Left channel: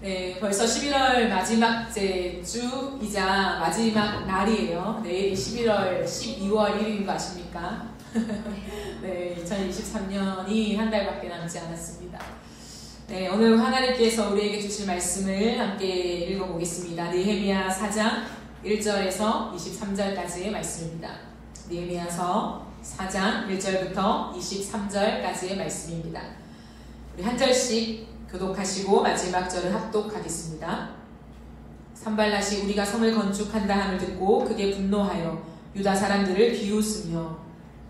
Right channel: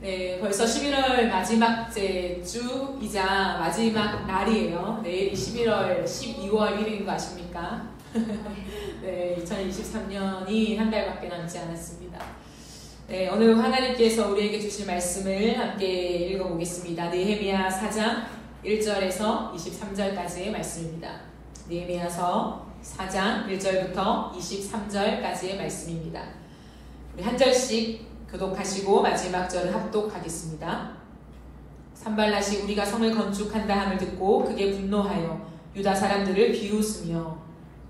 네, 벌써 11월 마지막째 주이자 마지막 날이에요. 내일이 12월 1일인 거 아십니까? 네, 2023년이 한 달밖에 남지 않았습니다. 네, 오늘 하나님께서 우리에게 주실 말씀을 함께 읽어보겠습니다. 느헤미야 4장 1절에서 23절까지의 말씀입니다. 느헤미야서 4장 1절부터 23절까지의 말씀입니다. 우리 한 절씩 교독하시고 마지막 절을 합독하겠습니다. 산발랏이 우리가 성을 건축한다 함을 듣고 그게 분노하여 유다 사람들을 비웃으며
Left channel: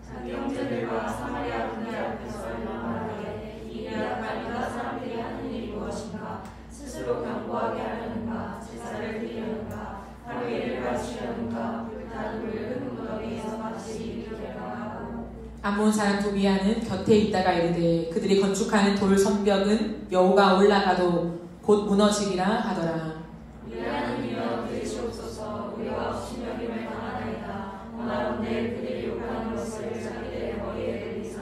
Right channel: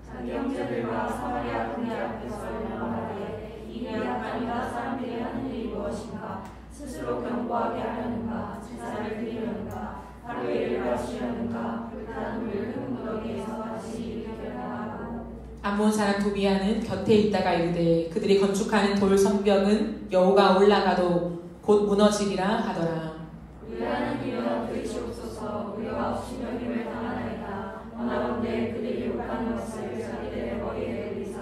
자기 형제들과 사마리아 군대 앞에서 명하되 이 대학과 유다 사람들이 하는 일이 무엇인가? 스스로 견고하게 하려는가? 제사를 드리려는가? 하루일을 마치려는가? 불타는 물을 흙무더기에서 다시 일으키려는가 하고 암몬 사람 도비아는 곁에 있다가 이르되 그들이 건축하는 돌 성벽은 여호가 올라가도 곧 무너지리라 하더라. 우리 하나님이여 들으시옵소서. 우리가 없이 명임을 당하나이다. 원하건대 그들이 욕하는 것을 자기들의 머리에 내리사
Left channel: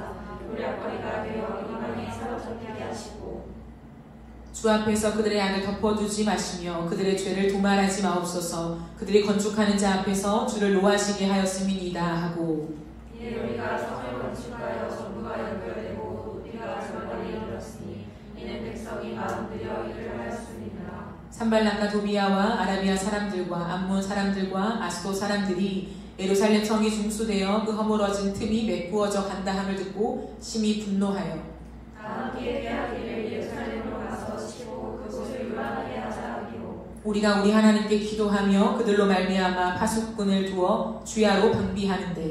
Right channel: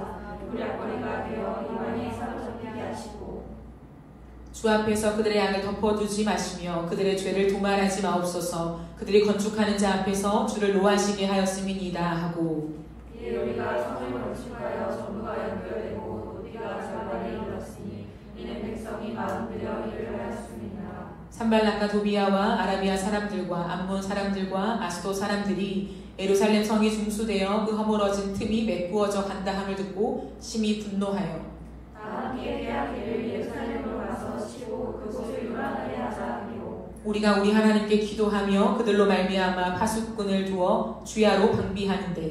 우량거리가 되어 입안에 사로잡히게 하시고 주 앞에서 그들의 악을 덮어두지 마시며 그들의 죄를 도말하지 마옵소서. 그들이 건축하는 자 앞에서 주를 노하시게 하였음이니이다 하고 이에 우리가 성을 건축하여 전부가 연결되고 높이가 저마다에 이르렀으니 이는 백성이 마음 들여 일을 하였습니다. 산발랏과 도비아와 아라비아 사람들과 암몬 사람들과 아스도 사람들이 예루살렘 성이 중수되어 그 허물어진 틈이 메꾸어져 간다 함을 듣고 심히 분노하여 다 함께 빼앗기를 예루살렘으로 가서 치고 그곳을 유랑하게 하자 하기로 우리가 우리 하나님께 기도하며 그들로 말미암아 파수꾼을 두어 주야로 방비하는데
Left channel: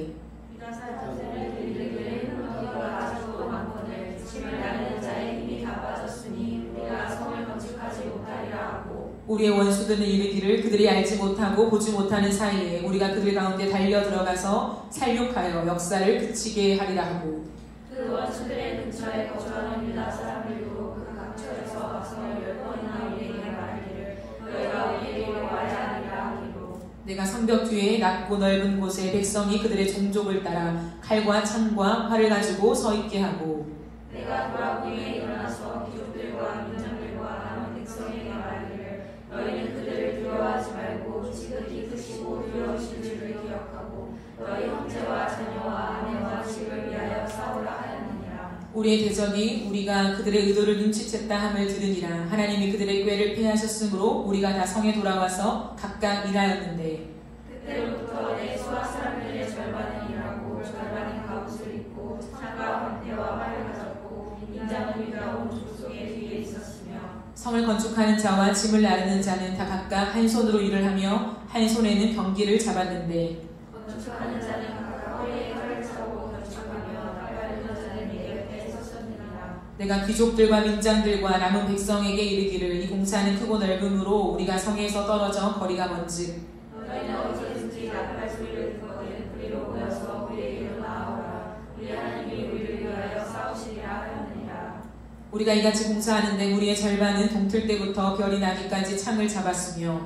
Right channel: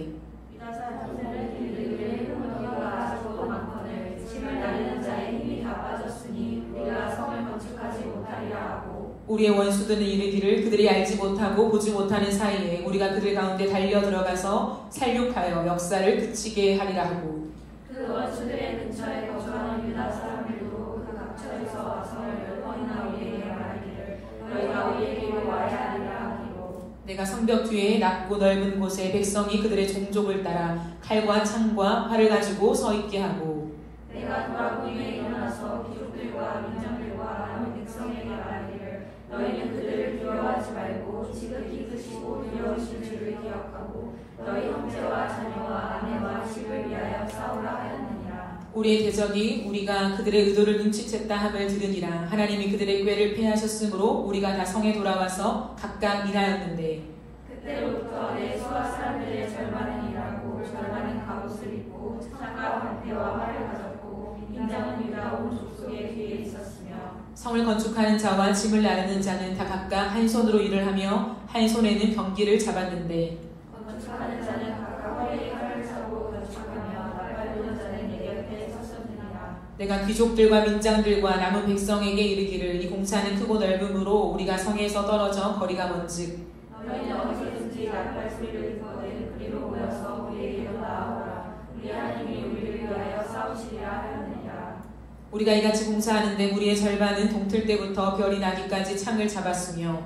유다 사람들은 이들의 흙무더기가 아직도 많거늘 짐을 나르는 자의 힘이 다 빠졌으니 우리가 성을 건축하지 못하리라 하고 우리의 원수들은 이르기를 그들이 알지 못하고 보지 못하는 사이에 우리가 그들 가운데 달려 들어가서 살육하여 역사를 그치게 하리라 하고 그 원수들의 근처에 거주하는 유다 사람들도 그 각처에서 악성을 10번이나 우리에게 말하기를 너희가 우리에게로 와야 하리라 하기로 내가 성벽 뒤에 낮고 넓은 곳에 백성이 그들의 종족을 따라 칼과 창과 활을 가지고 서 있게 하고 내가 돌아보이에 일어나서 귀족들과 민장들과 남은 백성에게 말하기를 너희는 그들을 두려워하지 말고 지극히 크시고 두려우신 주를 기억하고 너희 형제와 자녀와 아내와 집을 위하여 싸우라 하였느니라. 우리의 대적이 우리가 그들의 의도를 눈치챘다 함을 들으니라. 하나님이 그들의 꾀를 패하셨으므로 우리가 다 성에 돌아와서 각각 일하였는데 그때로부터 내 수하 사람들의 절반은 일하고 절반은 갑옷을 입고 창과 방패와 활을 가졌고 인장은 유다 온 족속의 뒤에 있었으며 성을 건축하는 자와 짐을 나르는 자는 다 각각 한 손으로 일을 하며 한 손에는 병기를 잡았는데 건축하는 자는 각각 허리에 활을 차고 건축하며 나팔부는 자는 내 곁에 섰었느니라. 내가 귀족들과 민장들과 남은 백성에게 이르기를 이 공사는 크고 넓음으로 우리가 성에서 떨어져 거리가 먼즉 너희는 어디든지 나팔 소리를 듣거든 그리로 모여서 우리에게 나아오라. 우리 하나님이 우리를 위하여 싸우시리라 하였느니라. 우리가 이같이 공사하는데 우리의 절반은 동틀 때부터 별이 나기까지 창을 잡았으며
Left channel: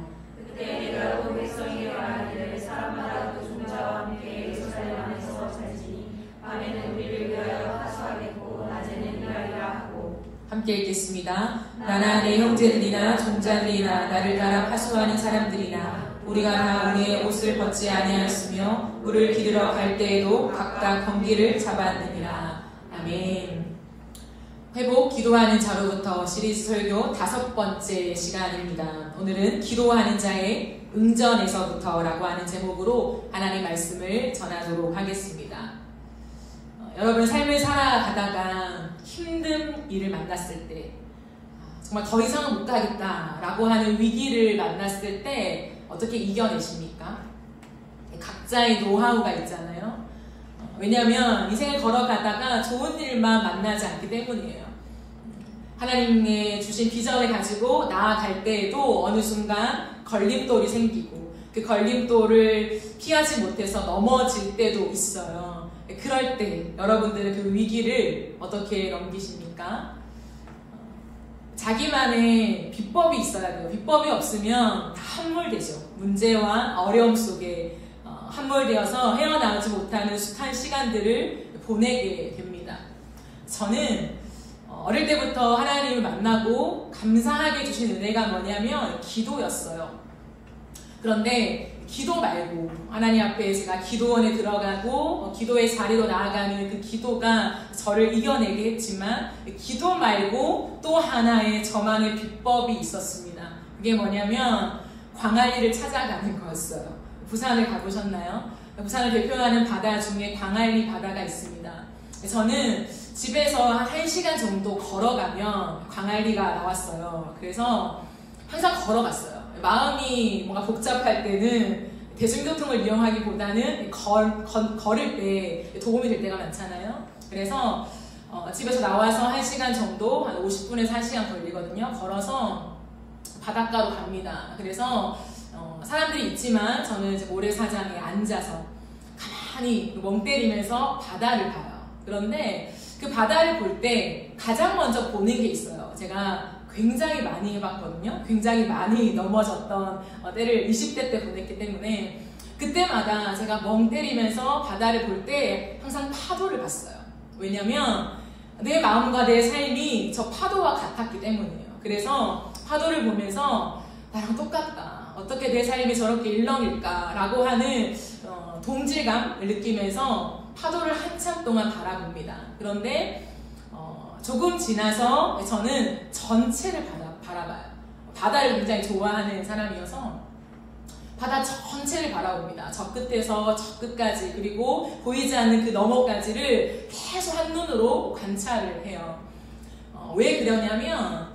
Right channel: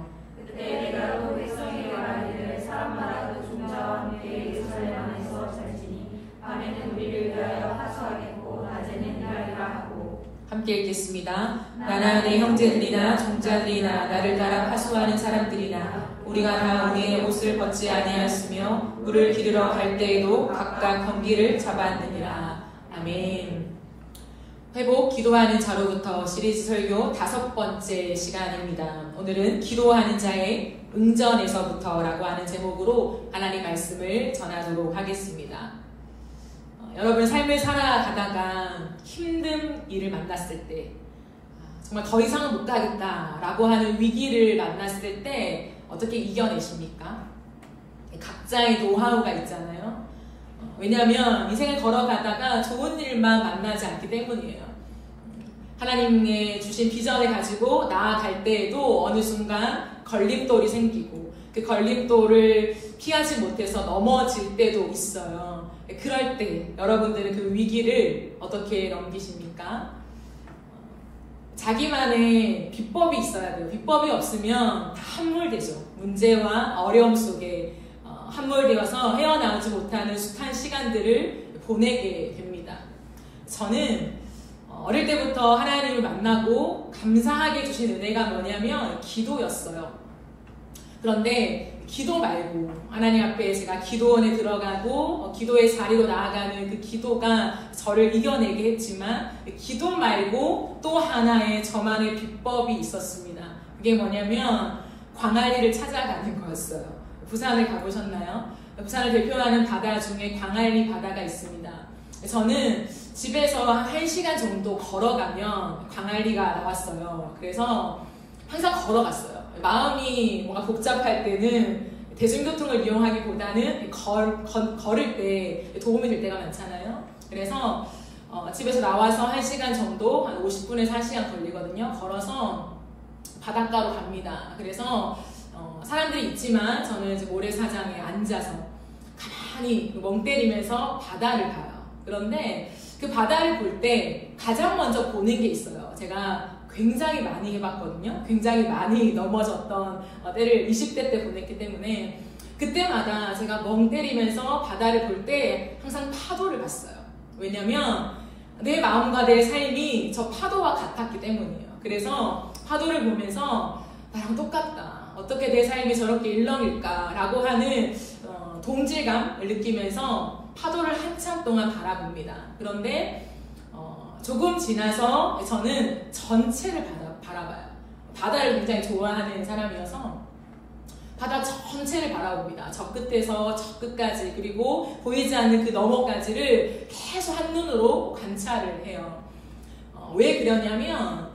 그때 내가 온 백성에게 말하기를 사람마다 그 종자와 함께 예루살렘 안에서 살지니 밤에는 우리를 위하여 하수하겠고 낮에는 일하리라 하고 함께 읽겠습니다. 나나 내 형제들이나 종자들이나 나를 따라 파수하는 사람들이나 우리가 다 우리의 옷을 벗지 아니하였으며 물을 기르러 갈 때에도 각각 병기를 잡았느니라. 아멘. 회복 기도하는 자로부터 시리즈 설교 5번째 시간입니다. 오늘은 기도하는 자의 응전에서부터라고 하는 제목으로 하나님의 말씀을 전하도록 하겠습니다. 여러분 삶을 살아가다가 힘든 일을 만났을 때 정말 더 이상은 못 가겠다라고 하는 위기를 만났을 때 어떻게 이겨내십니까? 각자의 노하우가 있잖아요. 왜냐하면 인생을 걸어가다가 좋은 일만 만나지 않기 때문이에요. 하나님의 주신 비전을 가지고 나아갈 때에도 어느 순간 걸림돌이 생기고 그 걸림돌을 피하지 못해서 넘어질 때도 있어요. 그럴 때 여러분들은 그 위기를 어떻게 넘기십니까? 자기만의 비법이 있어야 돼요. 비법이 없으면 다 함몰되죠. 문제와 어려움 속에 함몰되어서 헤어나오지 못하는 숱한 시간들을 보내게 됩니다. 저는 어릴 때부터 하나님을 만나고 감사하게 주신 은혜가 뭐냐면 기도였어요. 그런데 기도 말고 하나님 앞에 제가 기도원에 들어가고 기도의 자리로 나아가는 그 기도가 저를 이겨내게 했지만 기도 말고 또 하나의 저만의 비법이 있었습니다. 그게 뭐냐면 광안리를 찾아가는 거였어요. 부산을 가보셨나요? 부산을 대표하는 바다 중에 광안리 바다가 있습니다. 저는 집에서 한 1시간 정도 걸어가면 광안리가 나왔어요. 그래서 항상 걸어갔어요. 마음이 뭔가 복잡할 때는 대중교통을 이용하기보다는 걸을 때 도움이 될 때가 많잖아요. 그래서 집에서 나와서 1시간 정도, 한 50분에서 1시간 걸리거든요. 걸어서 바닷가로 갑니다. 그래서 사람들이 있지만 저는 이제 모래사장에 앉아서 가만히 멍 때리면서 바다를 봐요. 그런데 그 바다를 볼 때 가장 먼저 보는 게 있어요. 제가 굉장히 많이 해봤거든요. 굉장히 많이 넘어졌던 때를 20대 때 보냈기 때문에 그때마다 제가 멍 때리면서 바다를 볼 때 항상 파도를 봤어요. 왜냐면 내 마음과 내 삶이 저 파도와 같았기 때문이에요. 그래서 파도를 보면서 나랑 똑같다. 어떻게 내 삶이 저렇게 일렁일까라고 하는 동질감을 느끼면서 파도를 한참 동안 바라봅니다. 그런데 조금 지나서 저는 전체를 바라봐요. 바다를 굉장히 좋아하는 사람이어서 바다 전체를 바라봅니다. 저 끝에서 저 끝까지, 그리고 보이지 않는 그 너머까지를 계속 한눈으로 관찰을 해요. 왜 그러냐면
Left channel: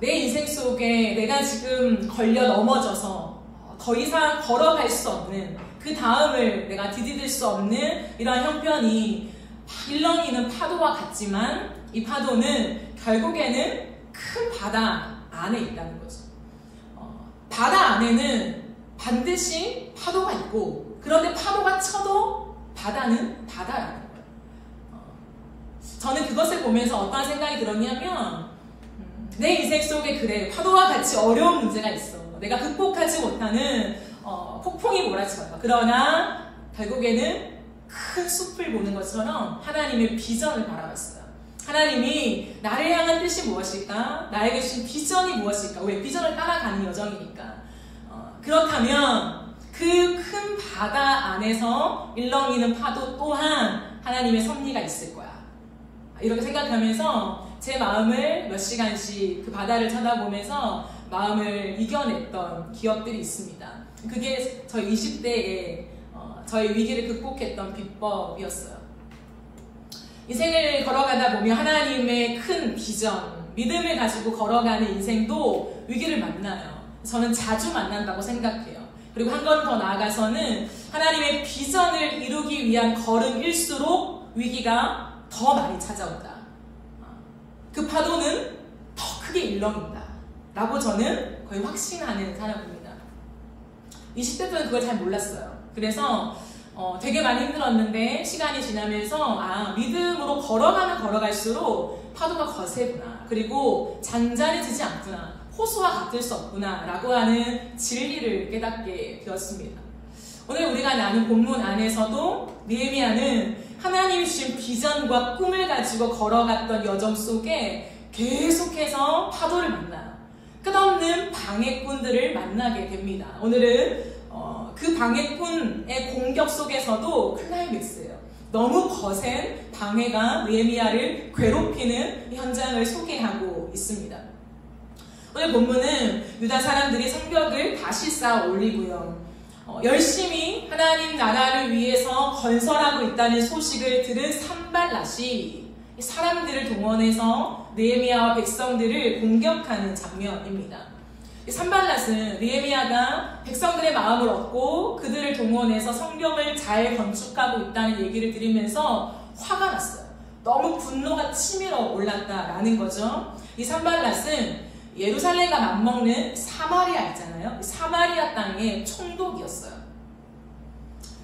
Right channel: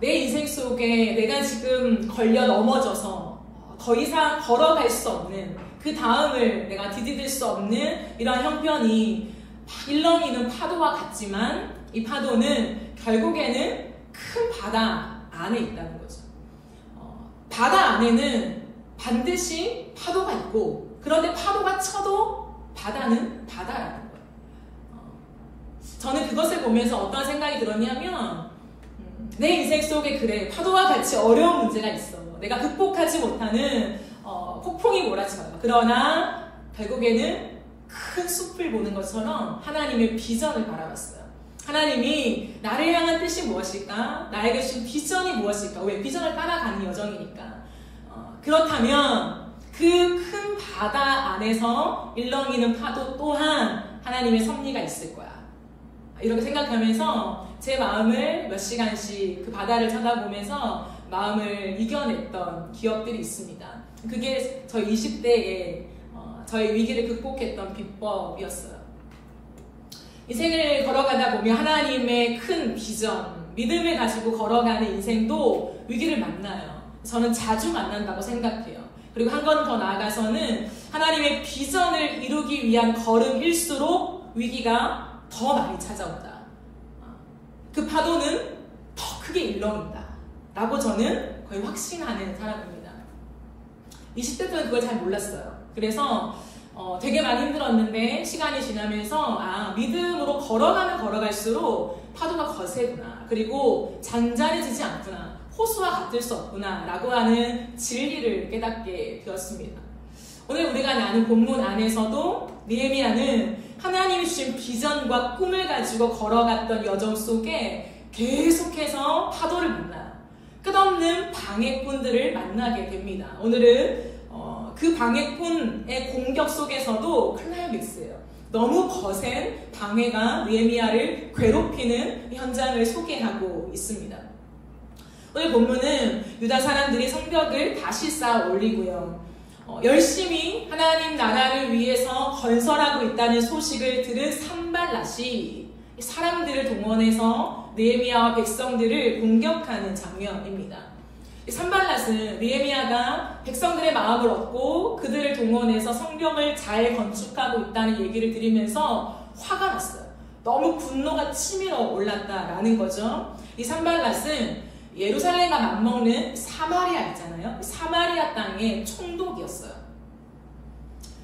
내 인생 속에 내가 지금 걸려 넘어져서 더 이상 걸어갈 수 없는, 그 다음을 내가 디디딜 수 없는 이러한 형편이 막 일렁이는 파도와 같지만 이 파도는 결국에는 큰 바다 안에 있다는 거죠. 바다 안에는 반드시 파도가 있고, 그런데 파도가 쳐도 바다는 바다라는 거예요. 저는 그것을 보면서 어떤 생각이 들었냐면 내 인생 속에 그래, 파도와 같이 어려운 문제가 있어. 내가 극복하지 못하는 폭풍이 몰아쳐요. 그러나 결국에는 큰 숲을 보는 것처럼 하나님의 비전을 바라봤어요. 하나님이 나를 향한 뜻이 무엇일까? 나에게 주신 비전이 무엇일까? 왜? 비전을 따라가는 여정이니까. 그렇다면 그 큰 바다 안에서 일렁이는 파도 또한 하나님의 섭리가 있을 거야. 이렇게 생각하면서 제 마음을 몇 시간씩 그 바다를 쳐다보면서 마음을 이겨냈던 기억들이 있습니다. 그게 저희 20대에 저희 위기를 극복했던 비법이었어요. 인생을 걸어가다 보면 하나님의 큰 비전, 믿음을 가지고 걸어가는 인생도 위기를 만나요. 저는 자주 만난다고 생각해요. 그리고 한 번 더 나아가서는 하나님의 비전을 이루기 위한 걸음일수록 위기가 더 많이 찾아온다. 그 파도는 더 크게 일렁인다 라고 저는 거의 확신하는 사람입니다. 20대 때는 그걸 잘 몰랐어요. 그래서 되게 많이 힘들었는데 시간이 지나면서 믿음으로 걸어가면 걸어갈수록 파도가 거세구나, 그리고 잔잔해지지 않구나, 호수와 같을 수 없구나 라고 하는 진리를 깨닫게 되었습니다. 오늘 우리가 나눈 본문 안에서도 느헤미야는 하나님이 주신 비전과 꿈을 가지고 걸어갔던 여정 속에 계속해서 파도를 만나요. 끝없는 방해꾼들을 만나게 됩니다. 오늘은 그 방해꾼의 공격 속에서도 클라이맥스예요. 너무 거센 방해가 느헤미야를 괴롭히는 현장을 소개하고 있습니다. 오늘 본문은 유다 사람들이 성벽을 다시 쌓아 올리고요. 열심히 하나님 나라를 위해서 건설하고 있다는 소식을 들은 산발랏이 사람들을 동원해서 느헤미야와 백성들을 공격하는 장면입니다. 산발랏은 느헤미야가 백성들의 마음을 얻고 그들을 동원해서 성벽을 잘 건축하고 있다는 얘기를 들으면서 화가 났어요. 너무 분노가 치밀어 올랐다라는 거죠. 이 산발랏은 예루살렘과 맞먹는 사마리아 있잖아요. 사마리아 땅의 총독이었어요.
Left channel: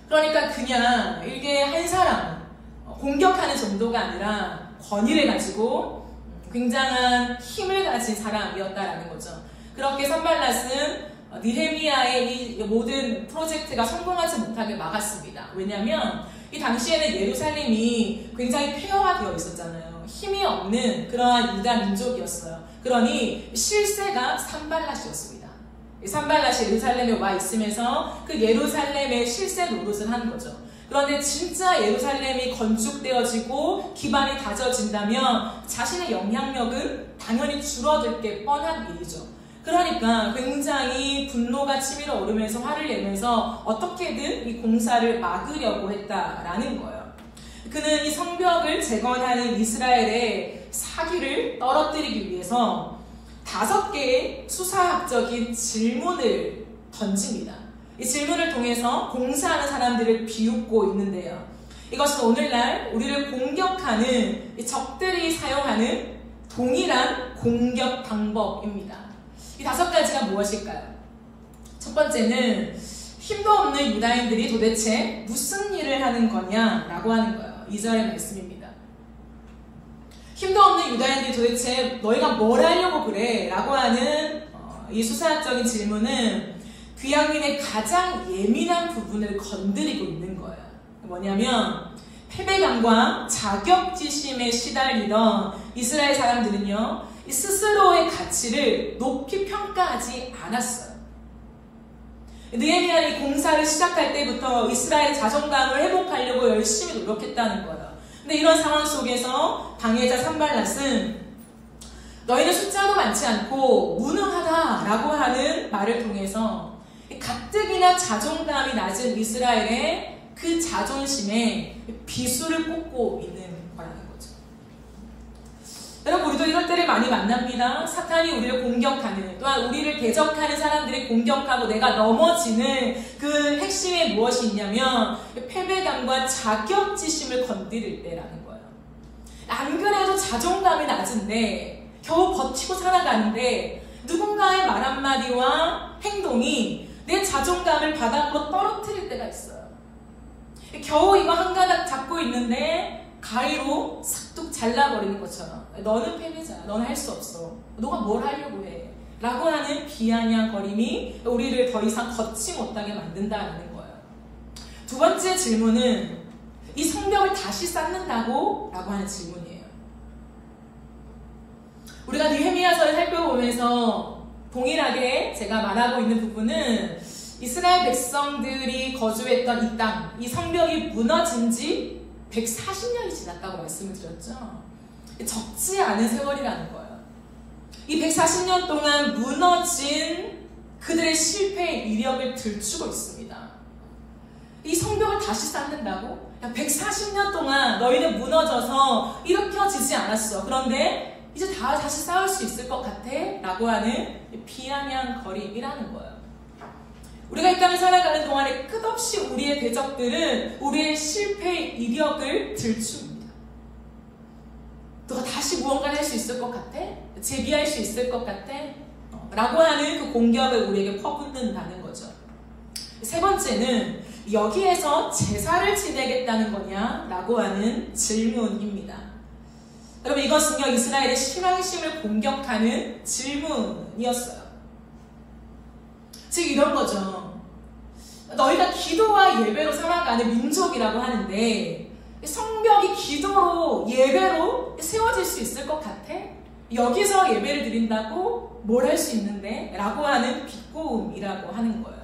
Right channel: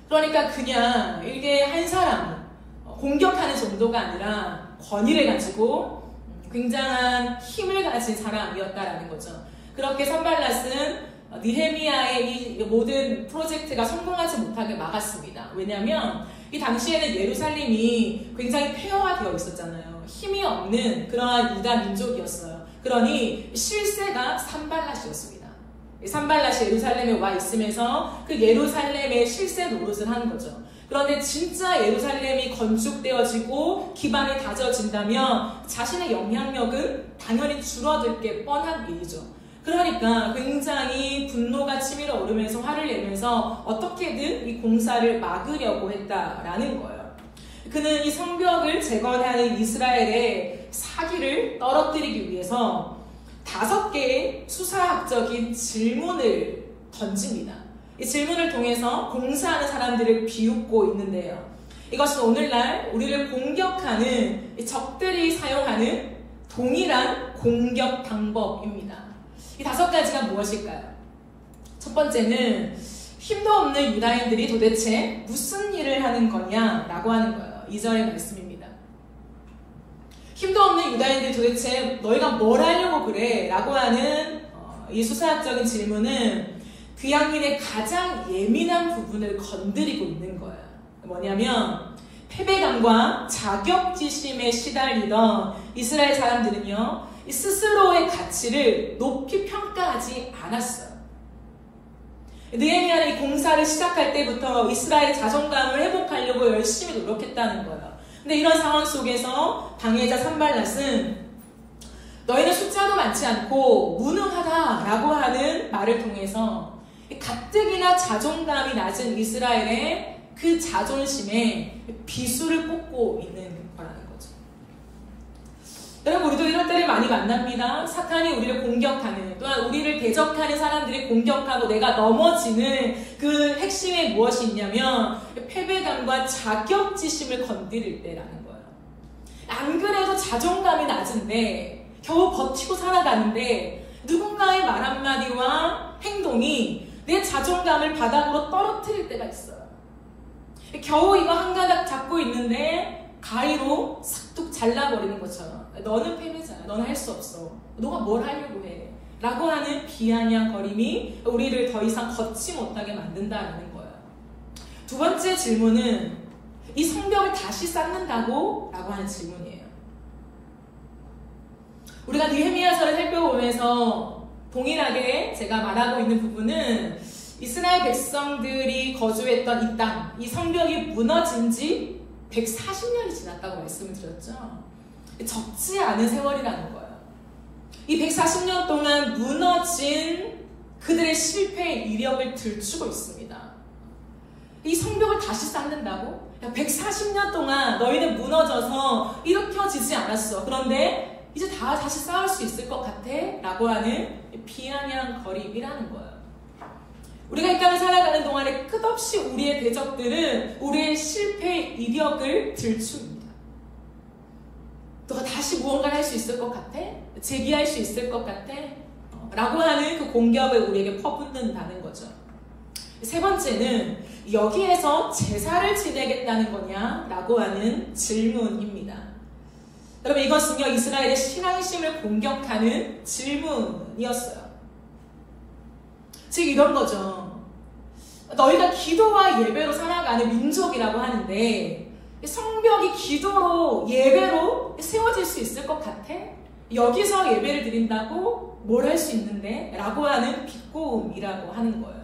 그러니까 그냥 이게 한 사람 공격하는 정도가 아니라 권위를 가지고 굉장한 힘을 가진 사람이었다라는 거죠. 그렇게 산발랏은 느헤미야의 이 모든 프로젝트가 성공하지 못하게 막았습니다. 왜냐하면 이 당시에는 예루살렘이 굉장히 폐허화되어 있었잖아요. 힘이 없는 그러한 유다 민족이었어요. 그러니 실세가 산발랏이었습니다. 산발랏이 예루살렘에 와 있으면서 그 예루살렘의 실세 노릇을 하는 거죠. 그런데 진짜 예루살렘이 건축되어지고 기반이 다져진다면 자신의 영향력은 당연히 줄어들 게 뻔한 일이죠. 그러니까 굉장히 분노가 치밀어 오르면서 화를 내면서 어떻게든 이 공사를 막으려고 했다라는 거예요. 그는 이 성벽을 재건하는 이스라엘의 사기를 떨어뜨리기 위해서 5개의 수사학적인 질문을 던집니다. 이 질문을 통해서 공사하는 사람들을 비웃고 있는데요. 이것은 오늘날 우리를 공격하는 적들이 사용하는 동일한 공격 방법입니다. 이 5가지가 무엇일까요? 첫 번째는 힘도 없는 유다인들이 도대체 무슨 일을 하는 거냐라고 하는 거예요. 2절의 말씀입니다. 힘도 없는 유다인들이 도대체 너희가 뭘 하려고 그래? 라고 하는 이 수사학적인 질문은 귀향민의 가장 예민한 부분을 건드리고 있는 거예요. 뭐냐면 패배감과 자격지심에 시달리던 이스라엘 사람들은요, 이 스스로의 가치를 높이 평가하지 않았어요. 느헤미야는 이 공사를 시작할 때부터 이스라엘의 자존감을 회복하려고 열심히 노력했다는 거예요. 근데 이런 상황 속에서 방해자 산발랏은 너희는 숫자도 많지 않고 무능하다라고 하는 말을 통해서 가뜩이나 자존감이 낮은 이스라엘의 그 자존심에 비수를 뽑고 있는 거라는 거죠. 여러분, 우리도 이럴 때를 많이 만납니다. 사탄이 우리를 공격하는, 또한 우리를 대적하는 사람들이 공격하고 내가 넘어지는 그 핵심에 무엇이 있냐면 패배감과 자격지심을 건드릴 때라는 거예요. 안 그래도 자존감이 낮은데 겨우 버티고 살아가는데 누군가의 말 한마디와 행동이 내 자존감을 바닥으로 떨어뜨릴 때가 있어요. 겨우 이거 한 가닥 잡고 있는데 가위로 싹둑 잘라버리는 것처럼 너는 패배자야. 너는 할 수 없어. 너가 뭘 하려고 해. 라고 하는 비아냥거림이 우리를 더 이상 걷지 못하게 만든다는 거예요. 두 번째 질문은 이 성벽을 다시 쌓는다고? 라고 하는 질문이에요. 우리가 느헤미야서를 살펴보면서 동일하게 제가 말하고 있는 부분은 이스라엘 백성들이 거주했던 이 땅, 이 성벽이 무너진 지 140년이 지났다고 말씀을 드렸죠. 적지 않은 세월이라는 거예요. 이 140년 동안 무너진 그들의 실패의 이력을 들추고 있습니다. 이 성벽을 다시 쌓는다고? 140년 동안 너희는 무너져서 일으켜지지 않았어. 그런데 이제 다시 싸울 수 있을 것 같아? 라고 하는 비아냥거림이라는 거예요. 우리가 이 땅을 살아가는 동안에 끝없이 우리의 대적들은 우리의 실패의 이력을 들춥니다. 너가 다시 무언가를 할 수 있을 것 같아? 재기할 수 있을 것 같아? 라고 하는 그 공격을 우리에게 퍼붓는다는 거죠. 세 번째는 여기에서 제사를 지내겠다는 거냐? 라고 하는 질문입니다. 여러분, 이것은요, 이스라엘의 신앙심을 공격하는 질문이었어요. 즉 이런 거죠. 너희가 기도와 예배로 살아가는 민족이라고 하는데 성벽이 기도로 예배로 세워질 수 있을 것 같아? 여기서 예배를 드린다고 뭘 할 수 있는데? 라고 하는 비꼬음이라고 하는 거예요.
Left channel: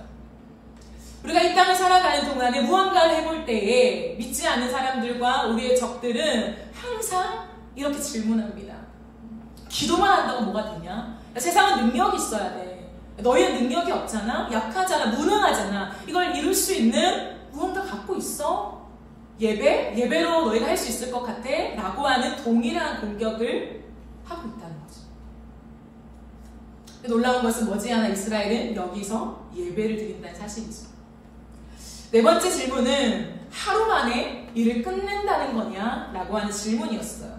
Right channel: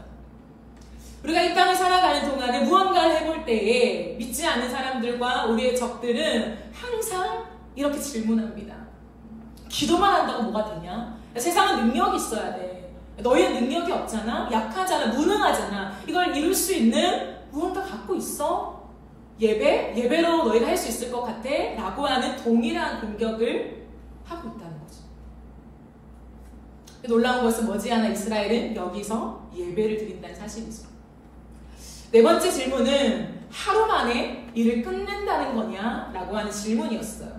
우리가 이 땅을 살아가는 동안에 무언가를 해볼 때에 믿지 않는 사람들과 우리의 적들은 항상 이렇게 질문합니다. 기도만 한다고 뭐가 되냐? 세상은 능력이 있어야 돼. 너희는 능력이 없잖아? 약하잖아? 무능하잖아? 이걸 이룰 수 있는 무언가 갖고 있어? 예배로 너희가 할 수 있을 것 같아? 라고 하는 동일한 공격을 하고 있다는 거죠. 놀라운 것은 머지않아 이스라엘은 여기서 예배를 드린다는 사실이죠. 네 번째 질문은 하루 만에 일을 끝낸다는 거냐? 라고 하는 질문이었어요.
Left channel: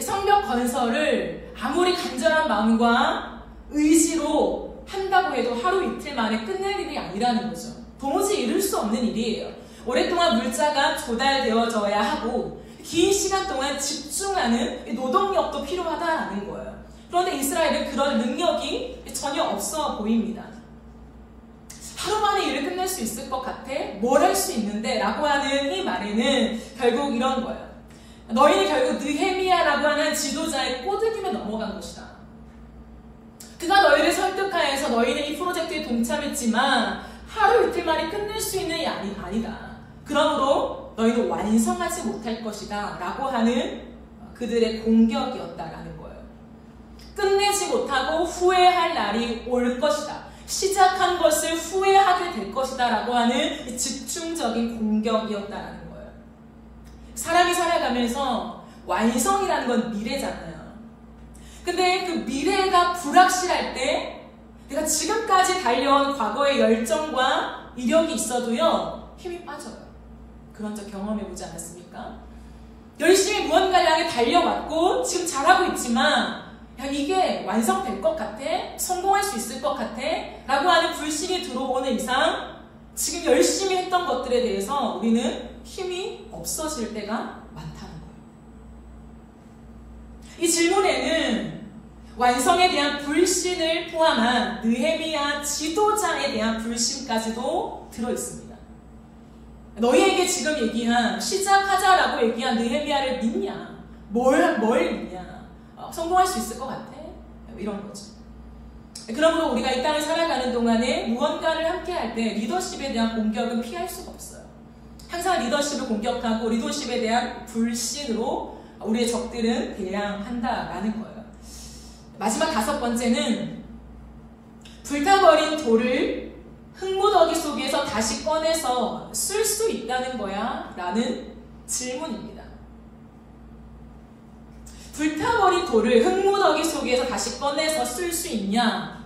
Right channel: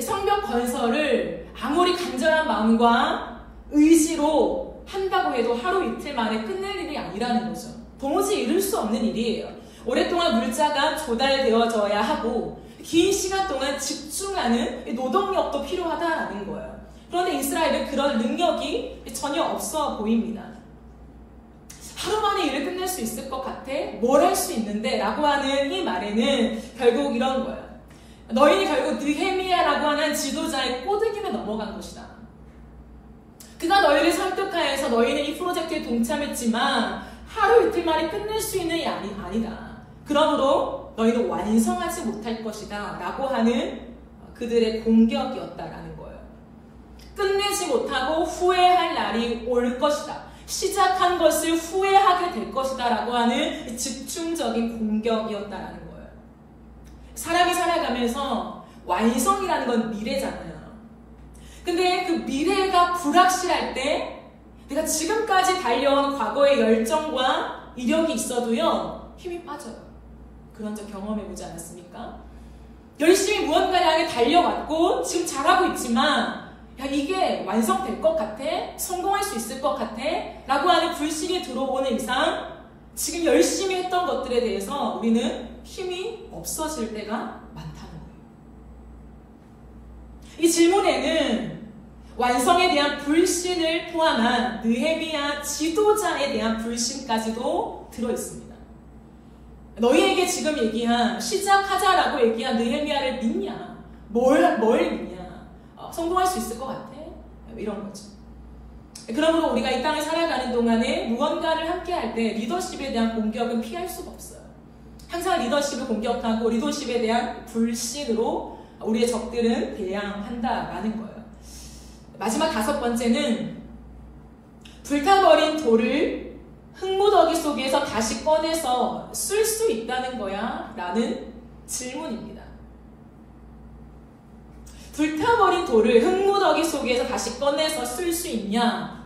성벽 건설을 아무리 간절한 마음과 의지로 한다고 해도 하루 이틀 만에 끝낼 일이 아니라는 거죠. 도무지 이룰 수 없는 일이에요. 오랫동안 물자가 조달되어져야 하고 긴 시간 동안 집중하는 노동력도 필요하다라는 거예요. 그런데 이스라엘은 그런 능력이 전혀 없어 보입니다. 하루 만에 일을 끝낼 수 있을 것 같아? 뭘 할 수 있는데? 라고 하는 이 말에는 결국 이런 거예요. 너희는 결국 느헤미야라고 하는 지도자의 꼬드김에 넘어간 것이다. 그가 너희를 설득하여서 너희는 이 프로젝트에 동참했지만 하루 이틀 만에 끝낼 수 있는 일이 아니다. 그러므로 너희는 완성하지 못할 것이다. 라고 하는 그들의 공격이었다라는 거예요. 끝내지 못하고 후회할 날이 올 것이다. 시작한 것을 후회하게 될 것이다. 라고 하는 집중적인 공격이었다라는 거예요. 사람이 살아가면서 완성이라는 건 미래잖아요. 근데 그 미래가 불확실할 때 내가 지금까지 달려온 과거의 열정과 이력이 있어도요, 힘이 빠져요. 그런 적 경험해보지 않았습니까? 열심히 무언가를 향해 달려왔고 지금 잘하고 있지만 야, 이게 완성될 것 같아? 성공할 수 있을 것 같아? 라고 하는 불신이 들어오는 이상 지금 열심히 했던 것들에 대해서 우리는 힘이 없어질 때가 많다는 거예요. 이 질문에는 완성에 대한 불신을 포함한 느헤미야 지도자에 대한 불신까지도 들어있습니다. 너희에게 지금 얘기한 시작하자라고 얘기한 느헤미야를 믿냐? 뭘 믿냐? 성공할 수 있을 것 같아? 이런 거죠. 그러므로 우리가 이 땅을 살아가는 동안에 무언가를 함께 할 때 리더십에 대한 공격은 피할 수가 없어요. 항상 리더십을 공격하고 리더십에 대한 불신으로 우리의 적들은 대항한다라는 거예요. 마지막 5번째는 불타버린 돌을 흙무더기 속에서 다시 꺼내서 쓸 수 있다는 거야? 라는 질문입니다. 불타버린 돌을 흙무더기 속에서 다시 꺼내서 쓸 수 있냐?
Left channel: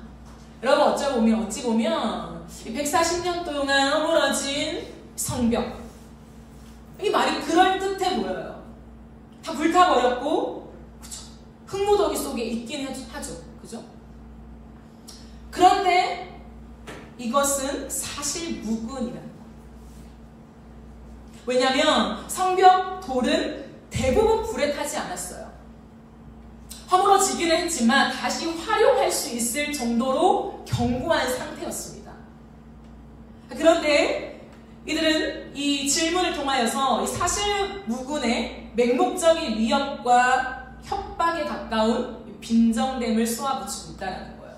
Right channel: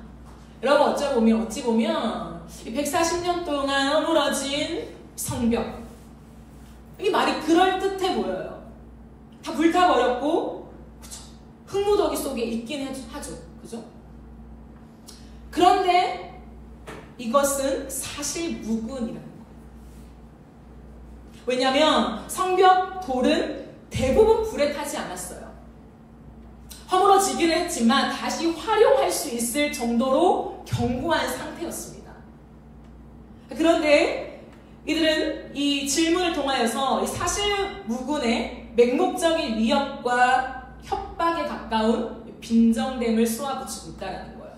여러분 어찌 보면 140년 동안 허물어진 성벽, 이 말이 그럴듯해 보여요. 다 불타버렸고 그쵸? 흙무더기 속에 있긴 하죠. 그죠? 그런데 이것은 사실 무근이라는 거예요. 왜냐하면 성벽 돌은 대부분 불에 타지 않았어요. 허물어지기는 했지만 다시 활용할 수 있을 정도로 견고한 상태였습니다. 그런데 이들은 이 질문을 통하여서 이 사실 무근의 맹목적인 위협과 협박에 가까운 빈정됨을 쏘아붙이고 있다는 거예요.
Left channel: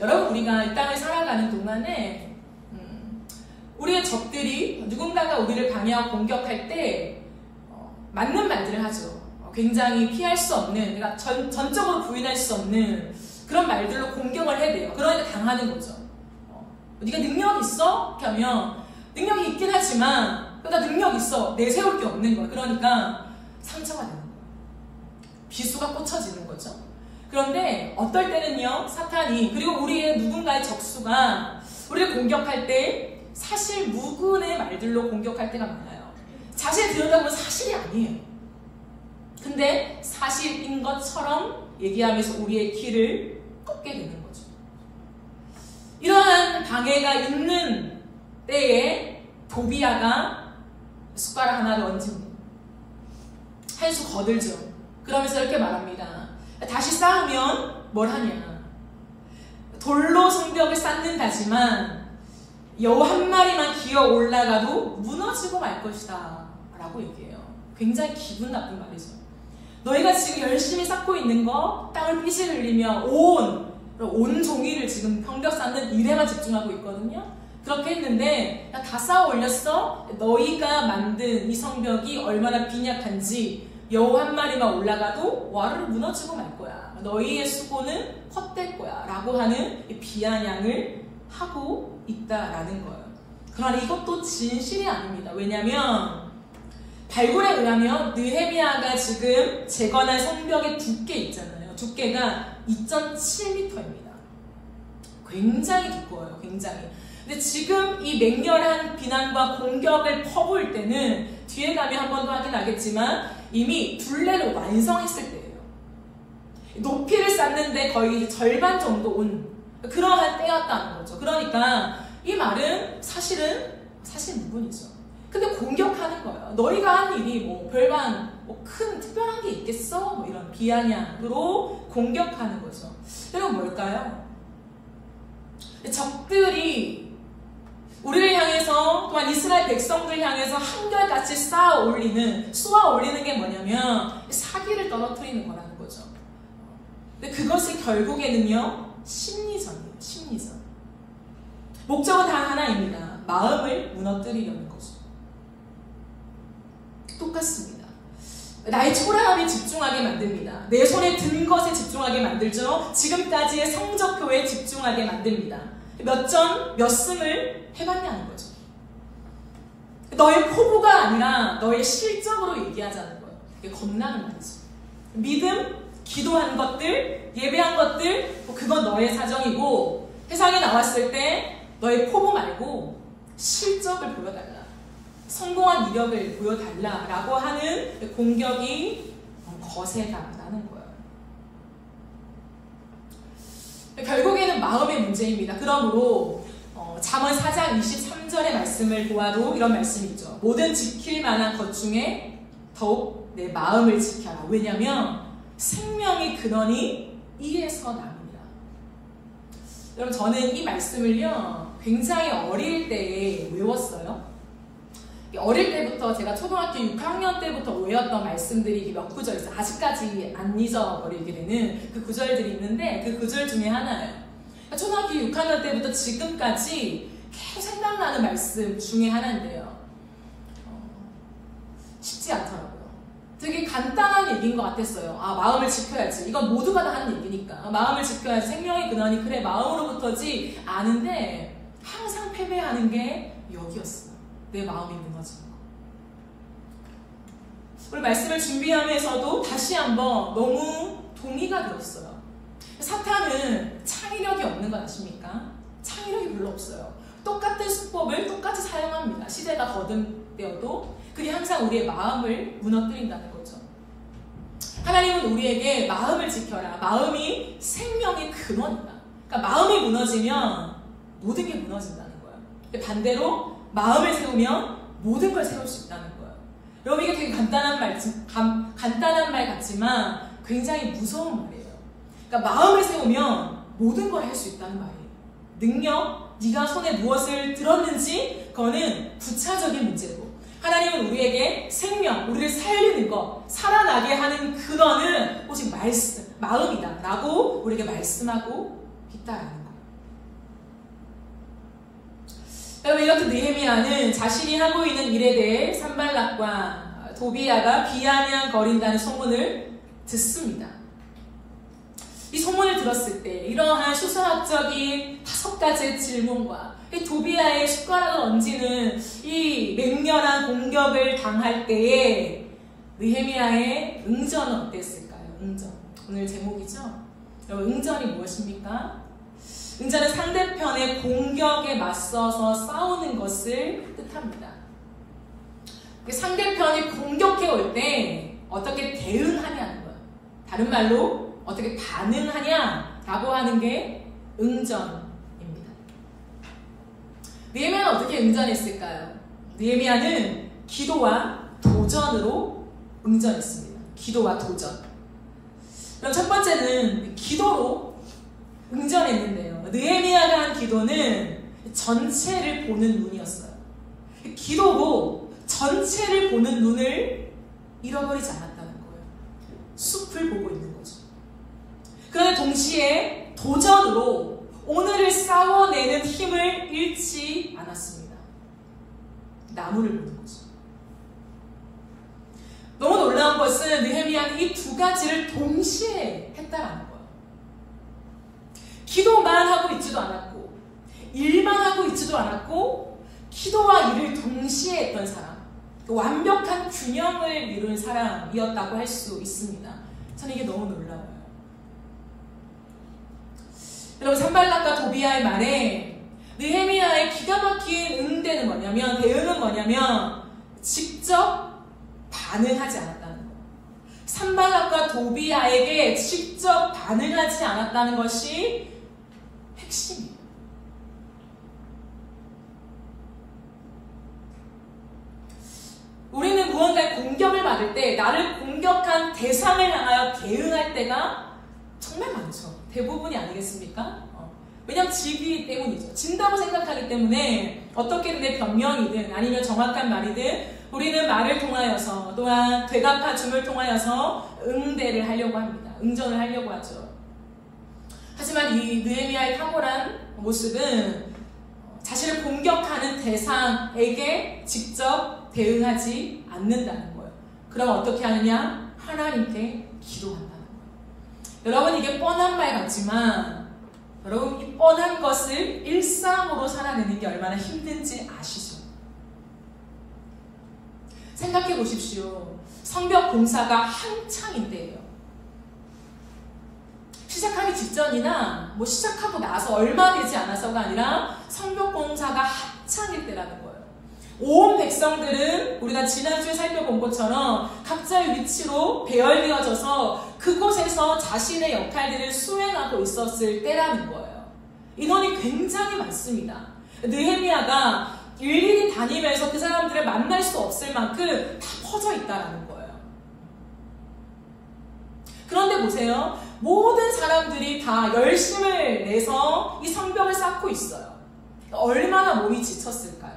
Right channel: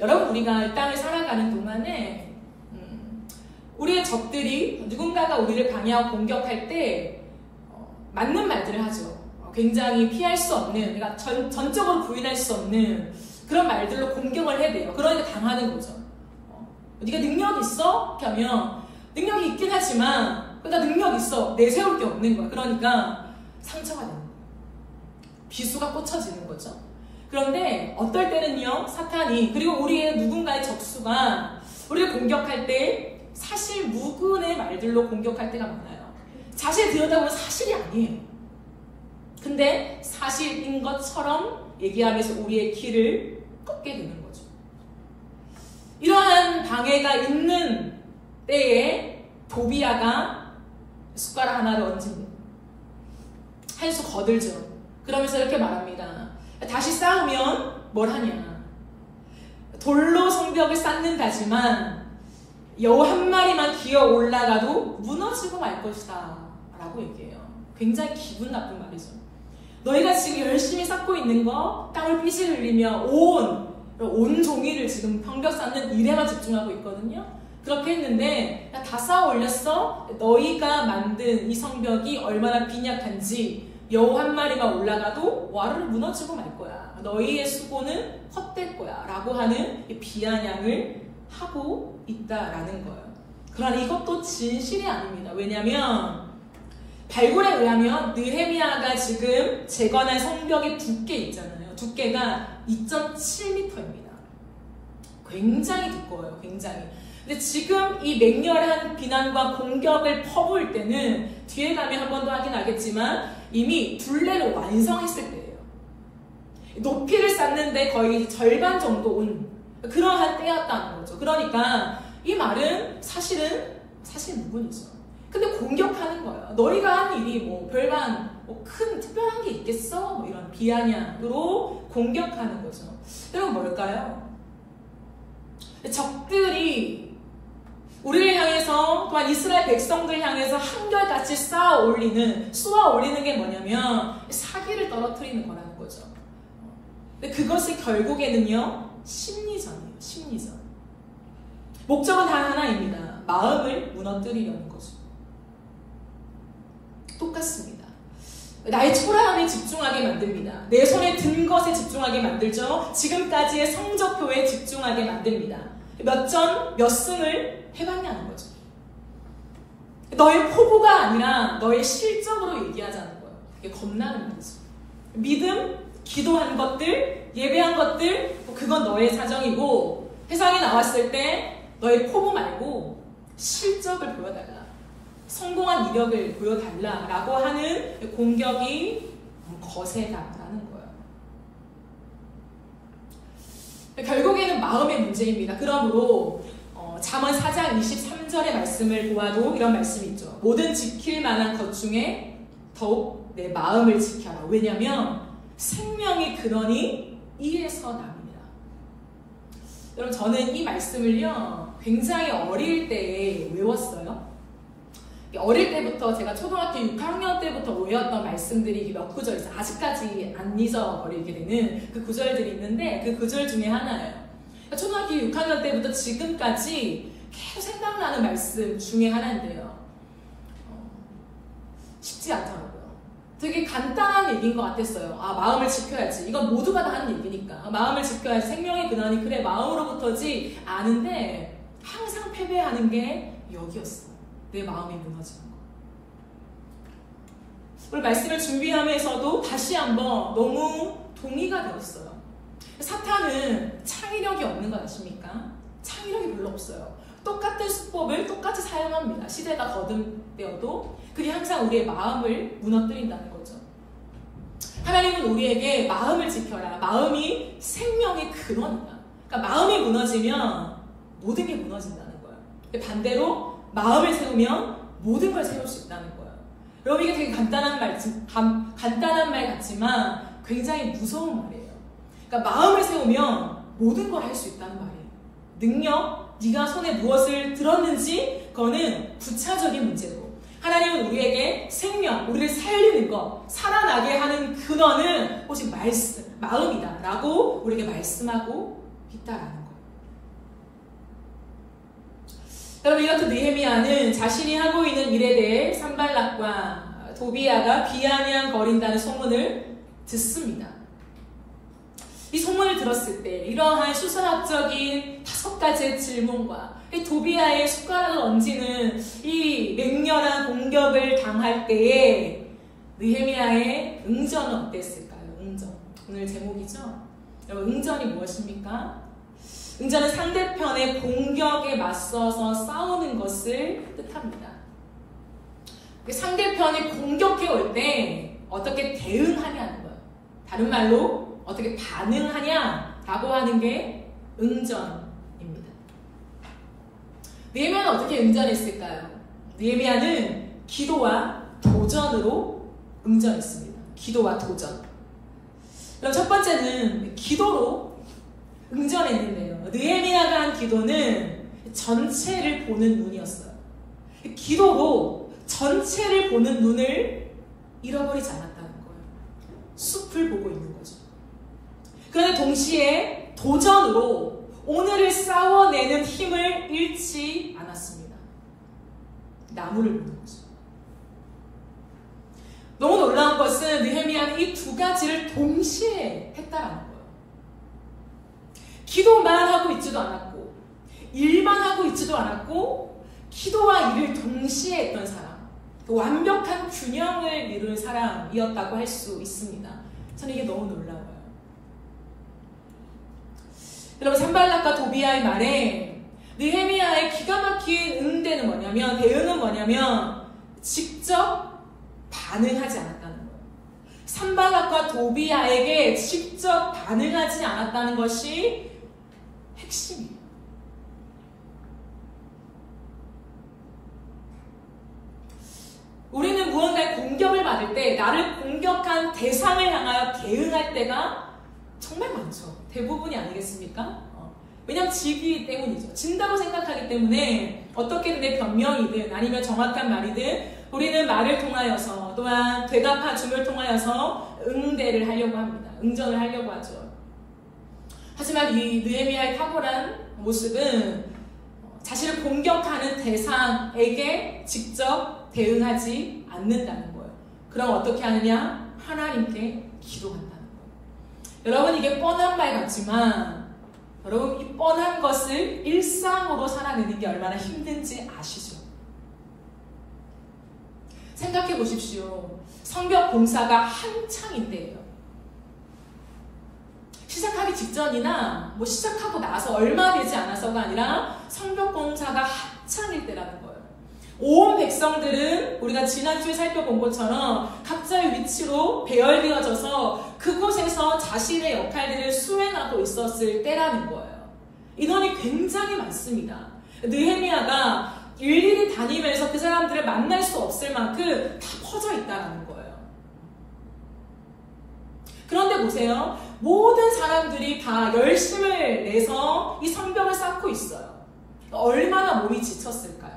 여러분, 우리가 이 땅을 살아가는 동안에 우리의 적들이 누군가가 우리를 방해하고 공격할 때 맞는 말들을 하죠. 굉장히 피할 수 없는, 그러니까 전적으로 부인할 수 없는 그런 말들로 공격을 해대요. 그러니까 당하는 거죠. 네가 능력 있어? 이렇게 하면 능력이 있긴 하지만 그러니까 능력 있어. 내세울 게 없는 거야. 그러니까 상처가 되는 거예요. 비수가 꽂혀지는 거죠. 그런데 어떨 때는요, 사탄이, 그리고 우리의 누군가의 적수가 우리를 공격할 때 사실 무근의 말들로 공격할 때가 많아요. 자세히 들여다보면 사실이 아니에요. 근데 사실인 것처럼 얘기하면서 우리의 길을 꺾게 되는 거죠. 이러한 방해가 있는 때에 도비야가 숟가락 하나를 얹습니다. 한 수 거들죠. 그러면서 이렇게 말합니다. 다시 싸우면 뭘 하냐? 돌로 성벽을 쌓는다지만 여우 한 마리만 기어 올라가도 무너지고 말 것이다 라고 얘기해요. 굉장히 기분 나쁜 말이죠. 너희가 지금 열심히 쌓고 있는 거, 땅을 삐질 흘리며 온 종이를 지금 성벽 쌓는 일에만 집중하고 있거든요. 그렇게 했는데 다 쌓아 올렸어? 너희가 만든 이 성벽이 얼마나 빈약한지 여우 한 마리가 올라가도 와르르 무너지고 말 거야. 너희의 수고는 헛될 거야 라고 하는 비아냥을 하고 있다라는 거예요. 그러나 이것도 진실이 아닙니다. 왜냐하면 발굴에 의하면 느헤미야가 지금 재건한 성벽의 두께 있잖아요. 두께가 2.7m입니다. 굉장히 두꺼워요. 굉장히. 근데 지금 이 맹렬한 비난과 공격을 퍼부을 때는 뒤에 가면 한 번 더 하긴 하겠지만 이미 둘레를 완성했을 때예요. 높이를 쌓는데 거의 절반 정도 온 그러한 때였다는 거죠. 그러니까 이 말은 사실 무근이죠. 근데 공격하는 거예요. 너희가 한 일이 뭐 별반 큰 특별한 게 있겠어? 뭐 이런 비아냥으로 공격하는 거죠. 여러분 뭘까요? 적들이 우리를 향해서 또한 이스라엘 백성들을 향해서 한결같이 쏘아 올리는 게 뭐냐면 사기를 떨어뜨리는 거라는 거죠. 근데 그것이 결국에는요 심리전이에요. 심리전. 목적은 단 하나입니다. 마음을 무너뜨리려는 거죠. 똑같습니다. 나의 초라함에 집중하게 만듭니다. 내 손에 든 것에 집중하게 만들죠. 지금까지의 성적표에 집중하게 만듭니다. 몇 전, 몇 승을 해봤냐는 거죠. 너의 포부가 아니라 너의 실적으로 얘기하자는 거예요. 이게 겁나는 거죠. 믿음, 기도한 것들, 예배한 것들, 그건 너의 사정이고 세상에 나왔을 때 너의 포부 말고 실적을 보여달라. 성공한 이력을 보여달라라고 하는 공격이 거세다라는 거예요. 결국에는 마음의 문제입니다. 그러므로 잠언 4장 23절의 말씀을 보아도 이런 말씀이 있죠. 모든 지킬 만한 것 중에 더욱 내 마음을 지켜라. 왜냐하면 생명의 근원이 이에서 납니다. 여러분 저는 이 말씀을요 굉장히 어릴 때에 외웠어요. 어릴 때부터 제가 초등학교 6학년 때부터 외웠던 말씀들이 몇 구절 있어요. 아직까지 안 잊어버리게 되는 그 구절들이 있는데 그 구절 중에 하나예요. 초등학교 6학년 때부터 지금까지 계속 생각나는 말씀 중에 하나인데요. 쉽지 않더라고요. 되게 간단한 얘기인 것 같았어요. 아, 마음을 지켜야지. 이건 모두가 다 하는 얘기니까. 마음을 지켜야지. 생명의 근원이 그래 마음으로부터지 아는데 항상 패배하는 게 여기였어요. 내 마음이 무너지는 거. 오늘 말씀을 준비하면서도 다시 한번 너무 동의가 되었어요. 사탄은 창의력이 없는 거 아십니까? 창의력이 별로 없어요. 똑같은 수법을 똑같이 사용합니다. 시대가 거듭되어도 그게 항상 우리의 마음을 무너뜨린다는 거죠. 하나님은 우리에게 마음을 지켜라. 마음이 생명의 근원이다. 그러니까 마음이 무너지면 모든 게 무너진다는 거예요. 반대로 마음을 세우면 모든 걸 세울 수 있다는 거예요. 여러분 이게 되게 간단한 말 같지만 굉장히 무서운 말이에요. 그러니까 마음을 세우면 모든 걸 할 수 있다는 말이에요. 능력, 네가 손에 무엇을 들었는지 그거는 부차적인 문제고 하나님은 우리에게 생명, 우리를 살리는 것, 살아나게 하는 근원은 오직 마음이다 라고 우리에게 말씀하고 있다라는 거예요. 여러분 이렇게 느헤미야는 자신이 하고 있는 일에 대해 산발락과 도비야가 비아냥거린다는 소문을 듣습니다. 이 소문을 들었을 때 이러한 수선학적인 5가지의 질문과 이 도비야의 숟가락을 얹는 이 맹렬한 공격을 당할 때에 느헤미야의 응전은 어땠을까요? 응전. 오늘 제목이죠? 여러분 응전이 무엇입니까? 응전은 상대편의 공격에 맞서서 싸우는 것을 뜻합니다. 상대편이 공격해 올 때 어떻게 대응하냐는 거예요. 다른 말로 어떻게 반응하냐라고 하는 게 응전입니다. 느헤미야는 어떻게 응전했을까요? 느헤미야는 기도와 도전으로 응전했습니다. 기도와 도전. 그럼 첫 번째는 기도로 응전했는데요. 느헤미야가 한 기도는 전체를 보는 눈이었어요. 기도로 전체를 보는 눈을 잃어버리지 않았다는 거예요. 숲을 보고 있는 거죠. 그러나 동시에 도전으로 오늘을 싸워내는 힘을 잃지 않았습니다. 나무를 보는 거죠. 너무 놀라운 것은 느헤미야는 이 2가지를 동시에 했다라는 거예요. 기도만 하고 있지도 않았고 일만 하고 있지도 않았고 기도와 일을 동시에 했던 사람, 완벽한 균형을 이룬 사람이었다고 할 수 있습니다. 저는 이게 너무 놀라워요. 여러분 산발락과 도비야의 말에 느헤미야의 기가 막힌 대응은 뭐냐면 직접 반응하지 않았다는 거예요. 산발락과 도비야에게 직접 반응하지 않았다는 것이 핵심이에요. 우리는 무언가의 공격을 받을 때 나를 공격한 대상을 향하여 대응할 때가 정말 많죠. 대부분이 아니겠습니까? 왜냐하면 지기 때문이죠. 진다고 생각하기 때문에 어떻게든 내 변명이든 아니면 정확한 말이든 우리는 말을 통하여서 또한 되갚아줌을 통하여서 응대를 하려고 합니다. 응전을 하려고 하죠. 하지만 이 느헤미야의 탁월한 모습은 자신을 공격하는 대상에게 직접 대응하지 않는다는 거예요. 그럼 어떻게 하느냐? 하나님께 기도한다는 거예요. 여러분, 이게 뻔한 말 같지만 여러분, 이 뻔한 것을 일상으로 살아내는 게 얼마나 힘든지 아시죠? 생각해 보십시오. 성벽 공사가 한창인 때예요. 시작하기 직전이나 시작하고 나서 얼마 되지 않아서가 아니라 성벽 공사가 한창일 때라는 거예요. 온 백성들은 우리가 지난주에 살펴본 것처럼 각자의 위치로 배열되어져서 그곳에서 자신의 역할들을 수행하고 있었을 때라는 거예요. 인원이 굉장히 많습니다. 느헤미야가 일일이 다니면서 그 사람들을 만날 수 없을 만큼 다 퍼져 있다는 거예요. 그런데 보세요. 모든 사람들이 다 열심을 내서 이 성벽을 쌓고 있어요. 얼마나 몸이 지쳤을까요?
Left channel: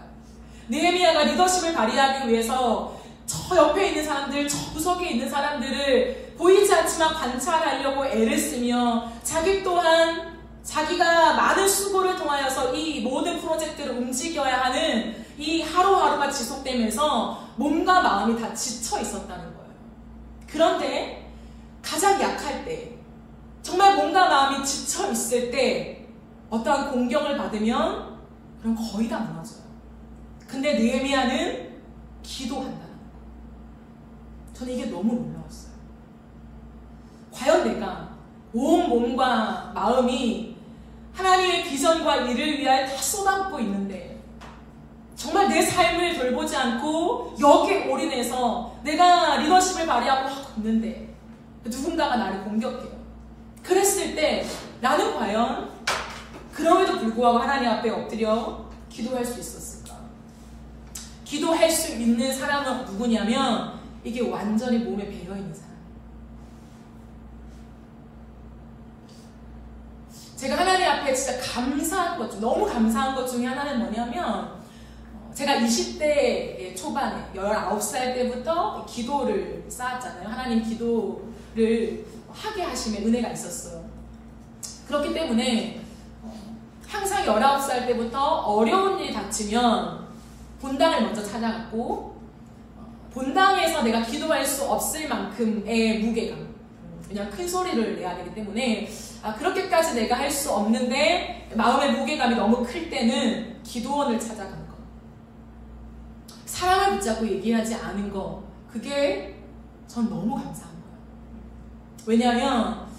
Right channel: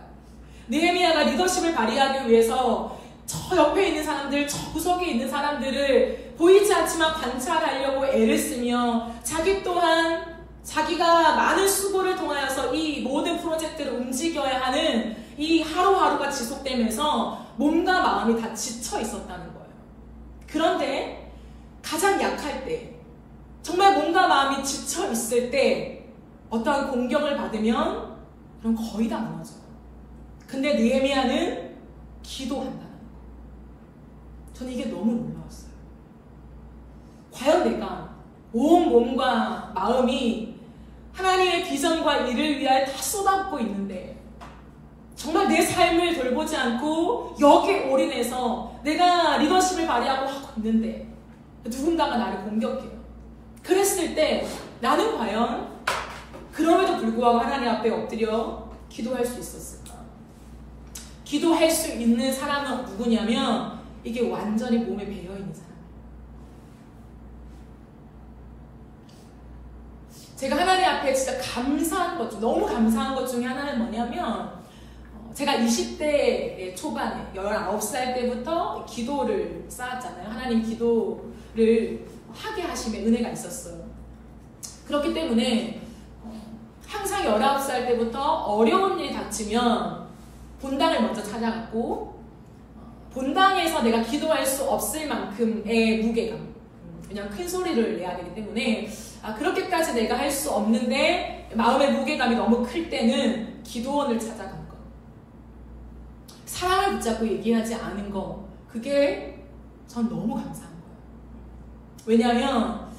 느헤미야가 리더십을 발휘하기 위해서 저 옆에 있는 사람들, 저 구석에 있는 사람들을 보이지 않지만 관찰하려고 애를 쓰며 자기 또한 자기가 많은 수고를 통하여서 이 모든 프로젝트를 움직여야 하는 이 하루하루가 지속되면서 몸과 마음이 다 지쳐 있었다는 거예요. 그런데 가장 약할 때, 정말 몸과 마음이 지쳐 있을 때 어떠한 공격을 받으면 그럼 거의 다 무너져요. 근데 느헤미야는 기도한다는 거예요. 저는 이게 너무 놀라웠어요. 과연 내가 온 몸과 마음이 하나님의 비전과 일을 위하여 다 쏟아붓고 있는데 정말 내 삶을 돌보지 않고 여기에 올인해서 내가 리더십을 발휘하고 하고 있는데 누군가가 나를 공격해요. 그랬을 때 나는 과연 그럼에도 불구하고 하나님 앞에 엎드려 기도할 수 있었을까? 기도할 수 있는 사람은 누구냐면 이게 완전히 몸에 배어있는 사람. 제가 하나님 앞에 진짜 감사한 것 중, 너무 감사한 것 중에 하나는 뭐냐면 제가 20대 초반에 19살 때부터 기도를 쌓았잖아요. 하나님 기도를 하게 하심에 은혜가 있었어요. 그렇기 때문에 항상 19살 때부터 어려운 일이 닥치면 본당을 먼저 찾아갔고 본당에서 내가 기도할 수 없을 만큼의 무게감, 그냥 큰 소리를 내야 되기 때문에 그렇게까지 내가 할 수 없는데 마음의 무게감이 너무 클 때는 기도원을 찾아간 거, 사람을 붙잡고 얘기하지 않은 거, 그게 전 너무 감사한 거예요. 왜냐하면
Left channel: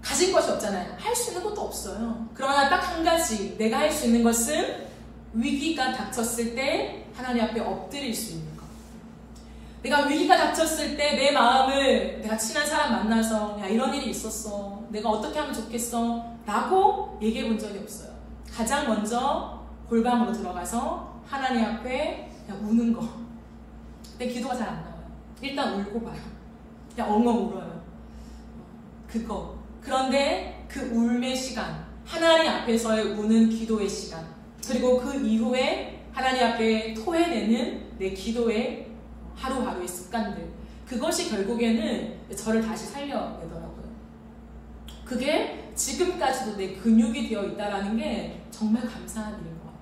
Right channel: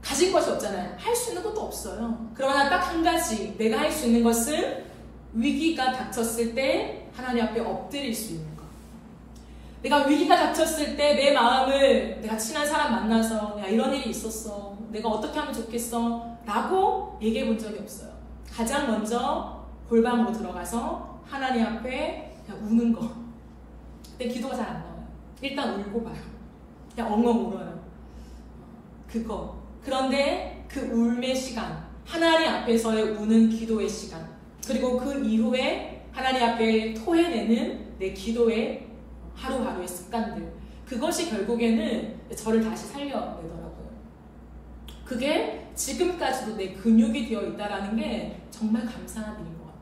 가진 것이 없잖아요. 할 수 있는 것도 없어요. 그러나 딱 한 가지 내가 할 수 있는 것은 위기가 닥쳤을 때 하나님 앞에 엎드릴 수 있는 것. 내가 위기가 닥쳤을 때 내 마음을 내가 친한 사람 만나서 야 이런 일이 있었어, 내가 어떻게 하면 좋겠어 라고 얘기해 본 적이 없어요. 가장 먼저 골방으로 들어가서 하나님 앞에 그냥 우는 거. 근데 기도가 잘 안 나와요. 일단 울고 봐요. 그냥 엉엉 울어요. 그거. 그런데 그 울의 시간, 하나님 앞에서의 우는 기도의 시간, 그리고 그 이후에 하나님 앞에 토해내는 내 기도의 하루하루의 습관들, 그것이 결국에는 저를 다시 살려내더라고요. 그게 지금까지도 내 근육이 되어 있다는 게 정말 감사한 일인 것 같아요.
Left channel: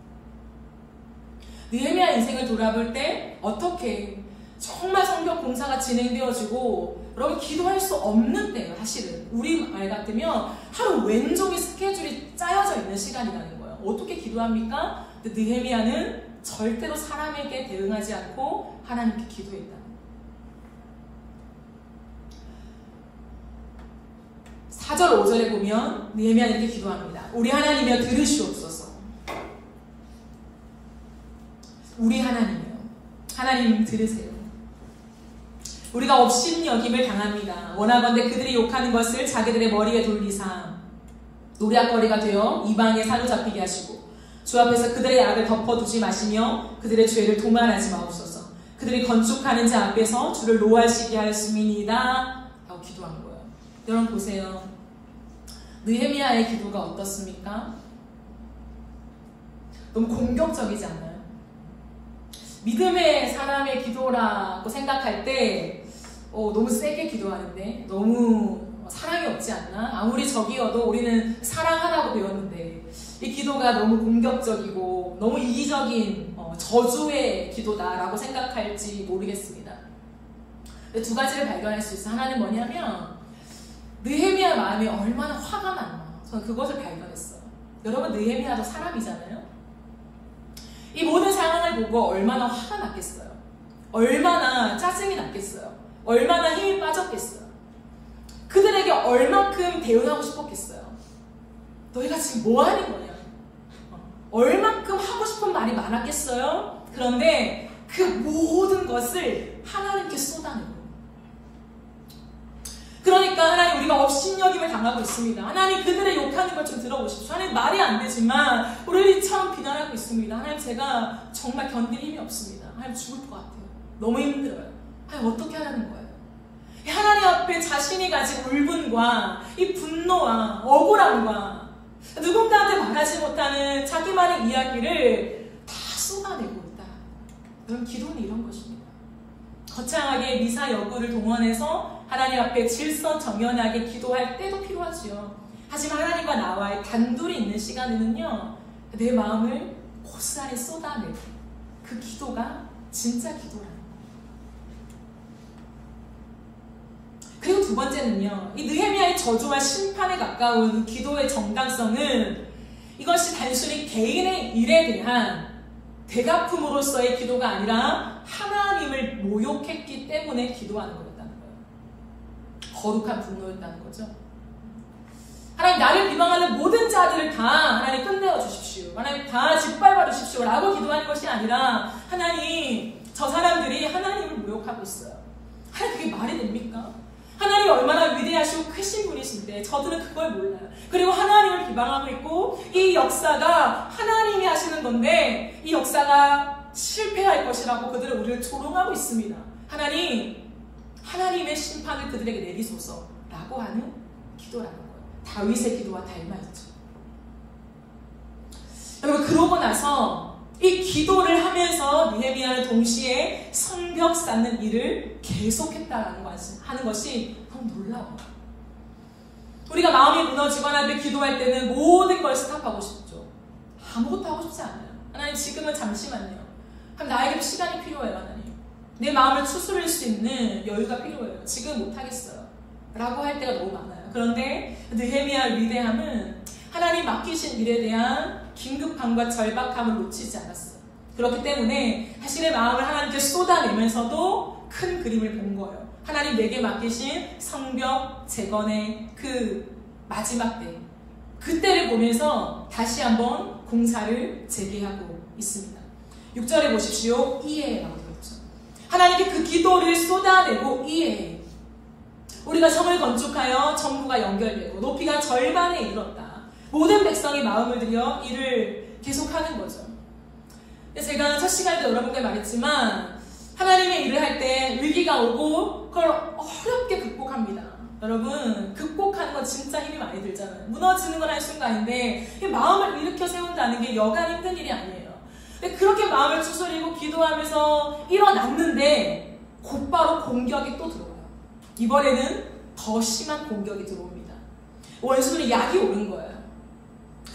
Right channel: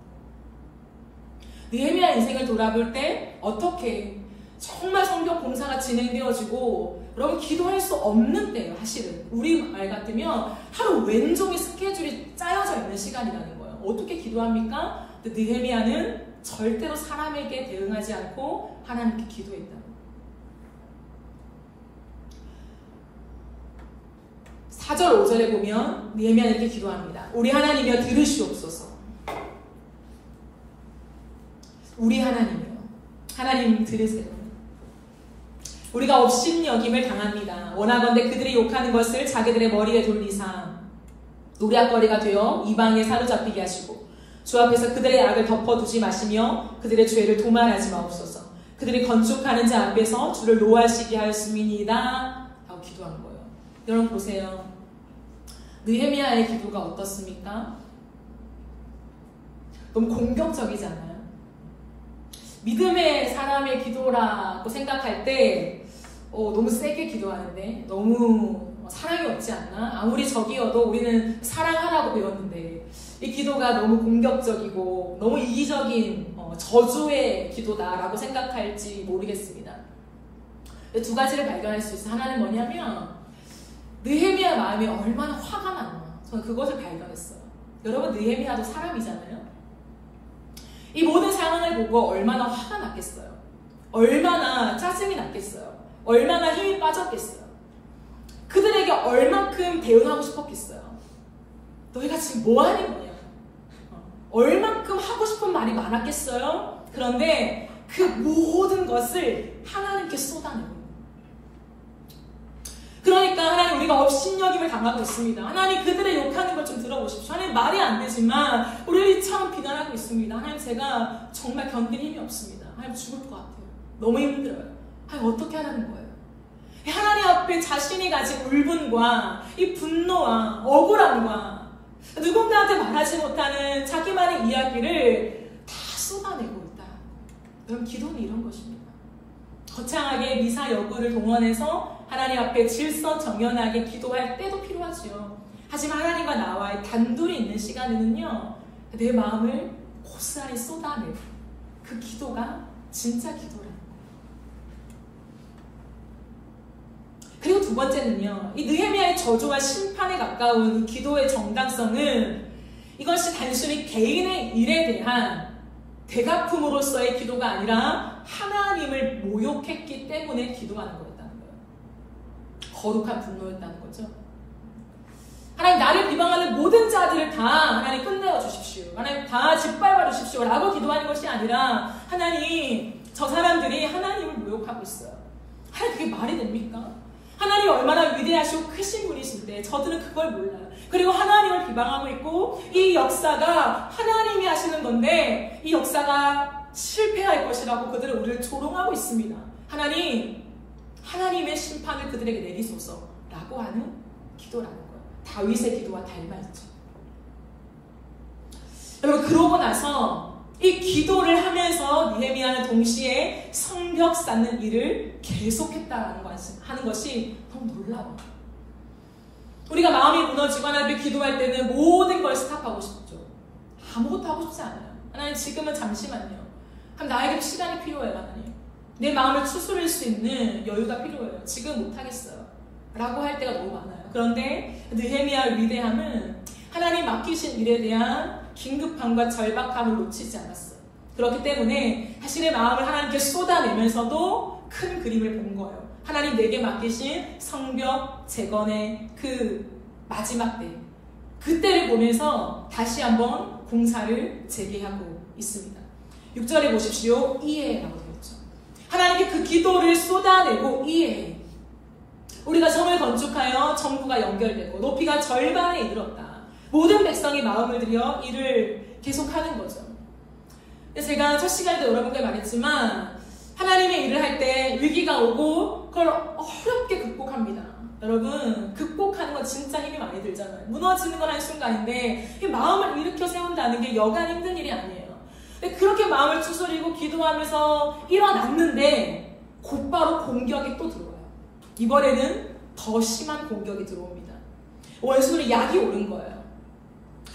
느헤미야 인생을 돌아볼 때 어떻게 정말 성경 공사가 진행되어지고 여러분 기도할 수 없는 때예요. 사실은 우리 말 같으면 하루 왼종일 스케줄이 짜여져 있는 시간이라는 거예요. 어떻게 기도합니까? 근데 느헤미야는 절대로 사람에게 대응하지 않고 하나님께 기도했다. 4절 5절에 보면 느헤미야는 이렇게 기도합니다. 우리 하나님이여 들으시옵소서. 우리 하나님이여, 하나님 들으세요. 우리가 업신여김을 당합니다. 원하건대 그들이 욕하는 것을 자기들의 머리에 돌리사 노략거리가 되어 이방에 사로잡히게 하시고 주 앞에서 그들의 악을 덮어두지 마시며 그들의 죄를 도말하지 마옵소서. 그들이 건축하는 자 앞에서 주를 노하시게 하였음이니이다 라고 기도한 거예요. 여러분 보세요. 느헤미야의 기도가 어떻습니까? 너무 공격적이지 않나요? 믿음의 사람의 기도라고 생각할 때 너무 세게 기도하는데 너무 사랑이 없지 않나? 아무리 적이어도 우리는 사랑하라고 배웠는데 이 기도가 너무 공격적이고 너무 이기적인 저주의 기도다라고 생각할지 모르겠습니다. 두 가지를 발견할 수 있어요. 하나는 뭐냐면 느헤미야 마음이 얼마나 화가 났나. 저는 그것을 발견했어요. 여러분, 느헤미야도 사람이잖아요. 이 모든 상황을 보고 얼마나 화가 났겠어요. 얼마나 짜증이 났겠어요. 얼마나 힘이 빠졌겠어요. 그들에게 얼만큼 대응하고 싶었겠어요. 너희가 지금 뭐 하는 거냐? 얼만큼 하고 싶은 말이 많았겠어요. 그런데 그 모든 것을 하나님께 쏟아내고, 그러니까 하나님, 우리가 업신여김을 당하고 있습니다. 하나님, 그들의 욕하는 걸 좀 들어보십시오. 하나님, 말이 안 되지만 우리를 참 비난하고 있습니다. 하나님, 제가 정말 견딜 힘이 없습니다. 하나님, 죽을 것 같아요. 너무 힘들어요. 하나님, 어떻게 하라는 거예요? 하나님 앞에 자신이 가진 울분과 이 분노와 억울함과 누군가한테 말하지 못하는 자기만의 이야기를 다 쏟아내고 있다. 여러분, 기도는 이런 것입니다. 거창하게 미사 여구를 동원해서 하나님 앞에 질서정연하게 기도할 때도 필요하지요. 하지만 하나님과 나와의 단둘이 있는 시간에는요, 내 마음을 고스란히 쏟아내고, 그 기도가 진짜 기도라는 거예요. 그리고 두 번째는요, 이 느헤미야의 저주와 심판에 가까운 이 기도의 정당성은 이것이 단순히 개인의 일에 대한 대갚음으로서의 기도가 아니라 하나님을 모욕했기 때문에 기도하는 거였다는 거예요. 거룩한 분노였다는 거죠. 하나님, 나를 비방하는 모든 자들을 다 하나님 끝내어 주십시오. 하나님, 다 짓밟아 주십시오 라고 기도하는 것이 아니라, 하나님, 저 사람들이 하나님을 모욕하고 있어요. 하나님, 그게 말이 됩니까? 하나님이 얼마나 위대하시고 크신 분이신데 저들은 그걸 몰라요. 그리고 하나님을 비방하고 있고, 이 역사가 하나님이 하시는 건데 이 역사가 실패할 것이라고 그들은 우리를 조롱하고 있습니다. 하나님, 하나님의 심판을 그들에게 내리소서라고 하는 기도라는 거예요. 다윗의 기도와 닮아있죠. 여러분, 그러고 나서 이 기도를 하면서 느헤미야는 동시에 성벽 쌓는 일을 계속했다는 하는 것이 너무 놀라워요. 우리가 마음이 무너지거나 기도할 때는 모든 걸 스탑하고 싶죠. 아무것도 하고 싶지 않아요. 하나님, 지금은 잠시만요. 그럼 나에게 시간이 필요해요. 하나님, 내 마음을 추스릴 수 있는 여유가 필요해요. 지금 못하겠어요 라고 할 때가 너무 많아요. 그런데 느헤미야의 위대함은 하나님 맡기신 일에 대한 긴급함과 절박함을 놓치지 않았어요. 그렇기 때문에 자신의 마음을 하나님께 쏟아내면서도 큰 그림을 본 거예요. 하나님, 내게 맡기신 성벽 재건의 그 마지막 때, 그때를 보면서 다시 한번 공사를 재개하고 있습니다. 6절에 보십시오. 이해라고 되어 있죠. 하나님께 그 기도를 쏟아내고 이해. 우리가 성을 건축하여 정부가 연결되고 높이가 절반에 이뤘다. 모든 백성이 마음을 들여 일을 계속하는 거죠. 제가 첫 시간에도 여러분께 말했지만, 하나님의 일을 할 때 위기가 오고 그걸 어렵게 극복합니다. 여러분, 극복하는 건 진짜 힘이 많이 들잖아요. 무너지는 건 한순간인데 이 마음을 일으켜 세운다는 게 여간 힘든 일이 아니에요. 근데 그렇게 마음을 추스리고 기도하면서 일어났는데 곧바로 공격이 또 들어와요. 이번에는 더 심한 공격이 들어옵니다. 원수는 약이 오른 거예요.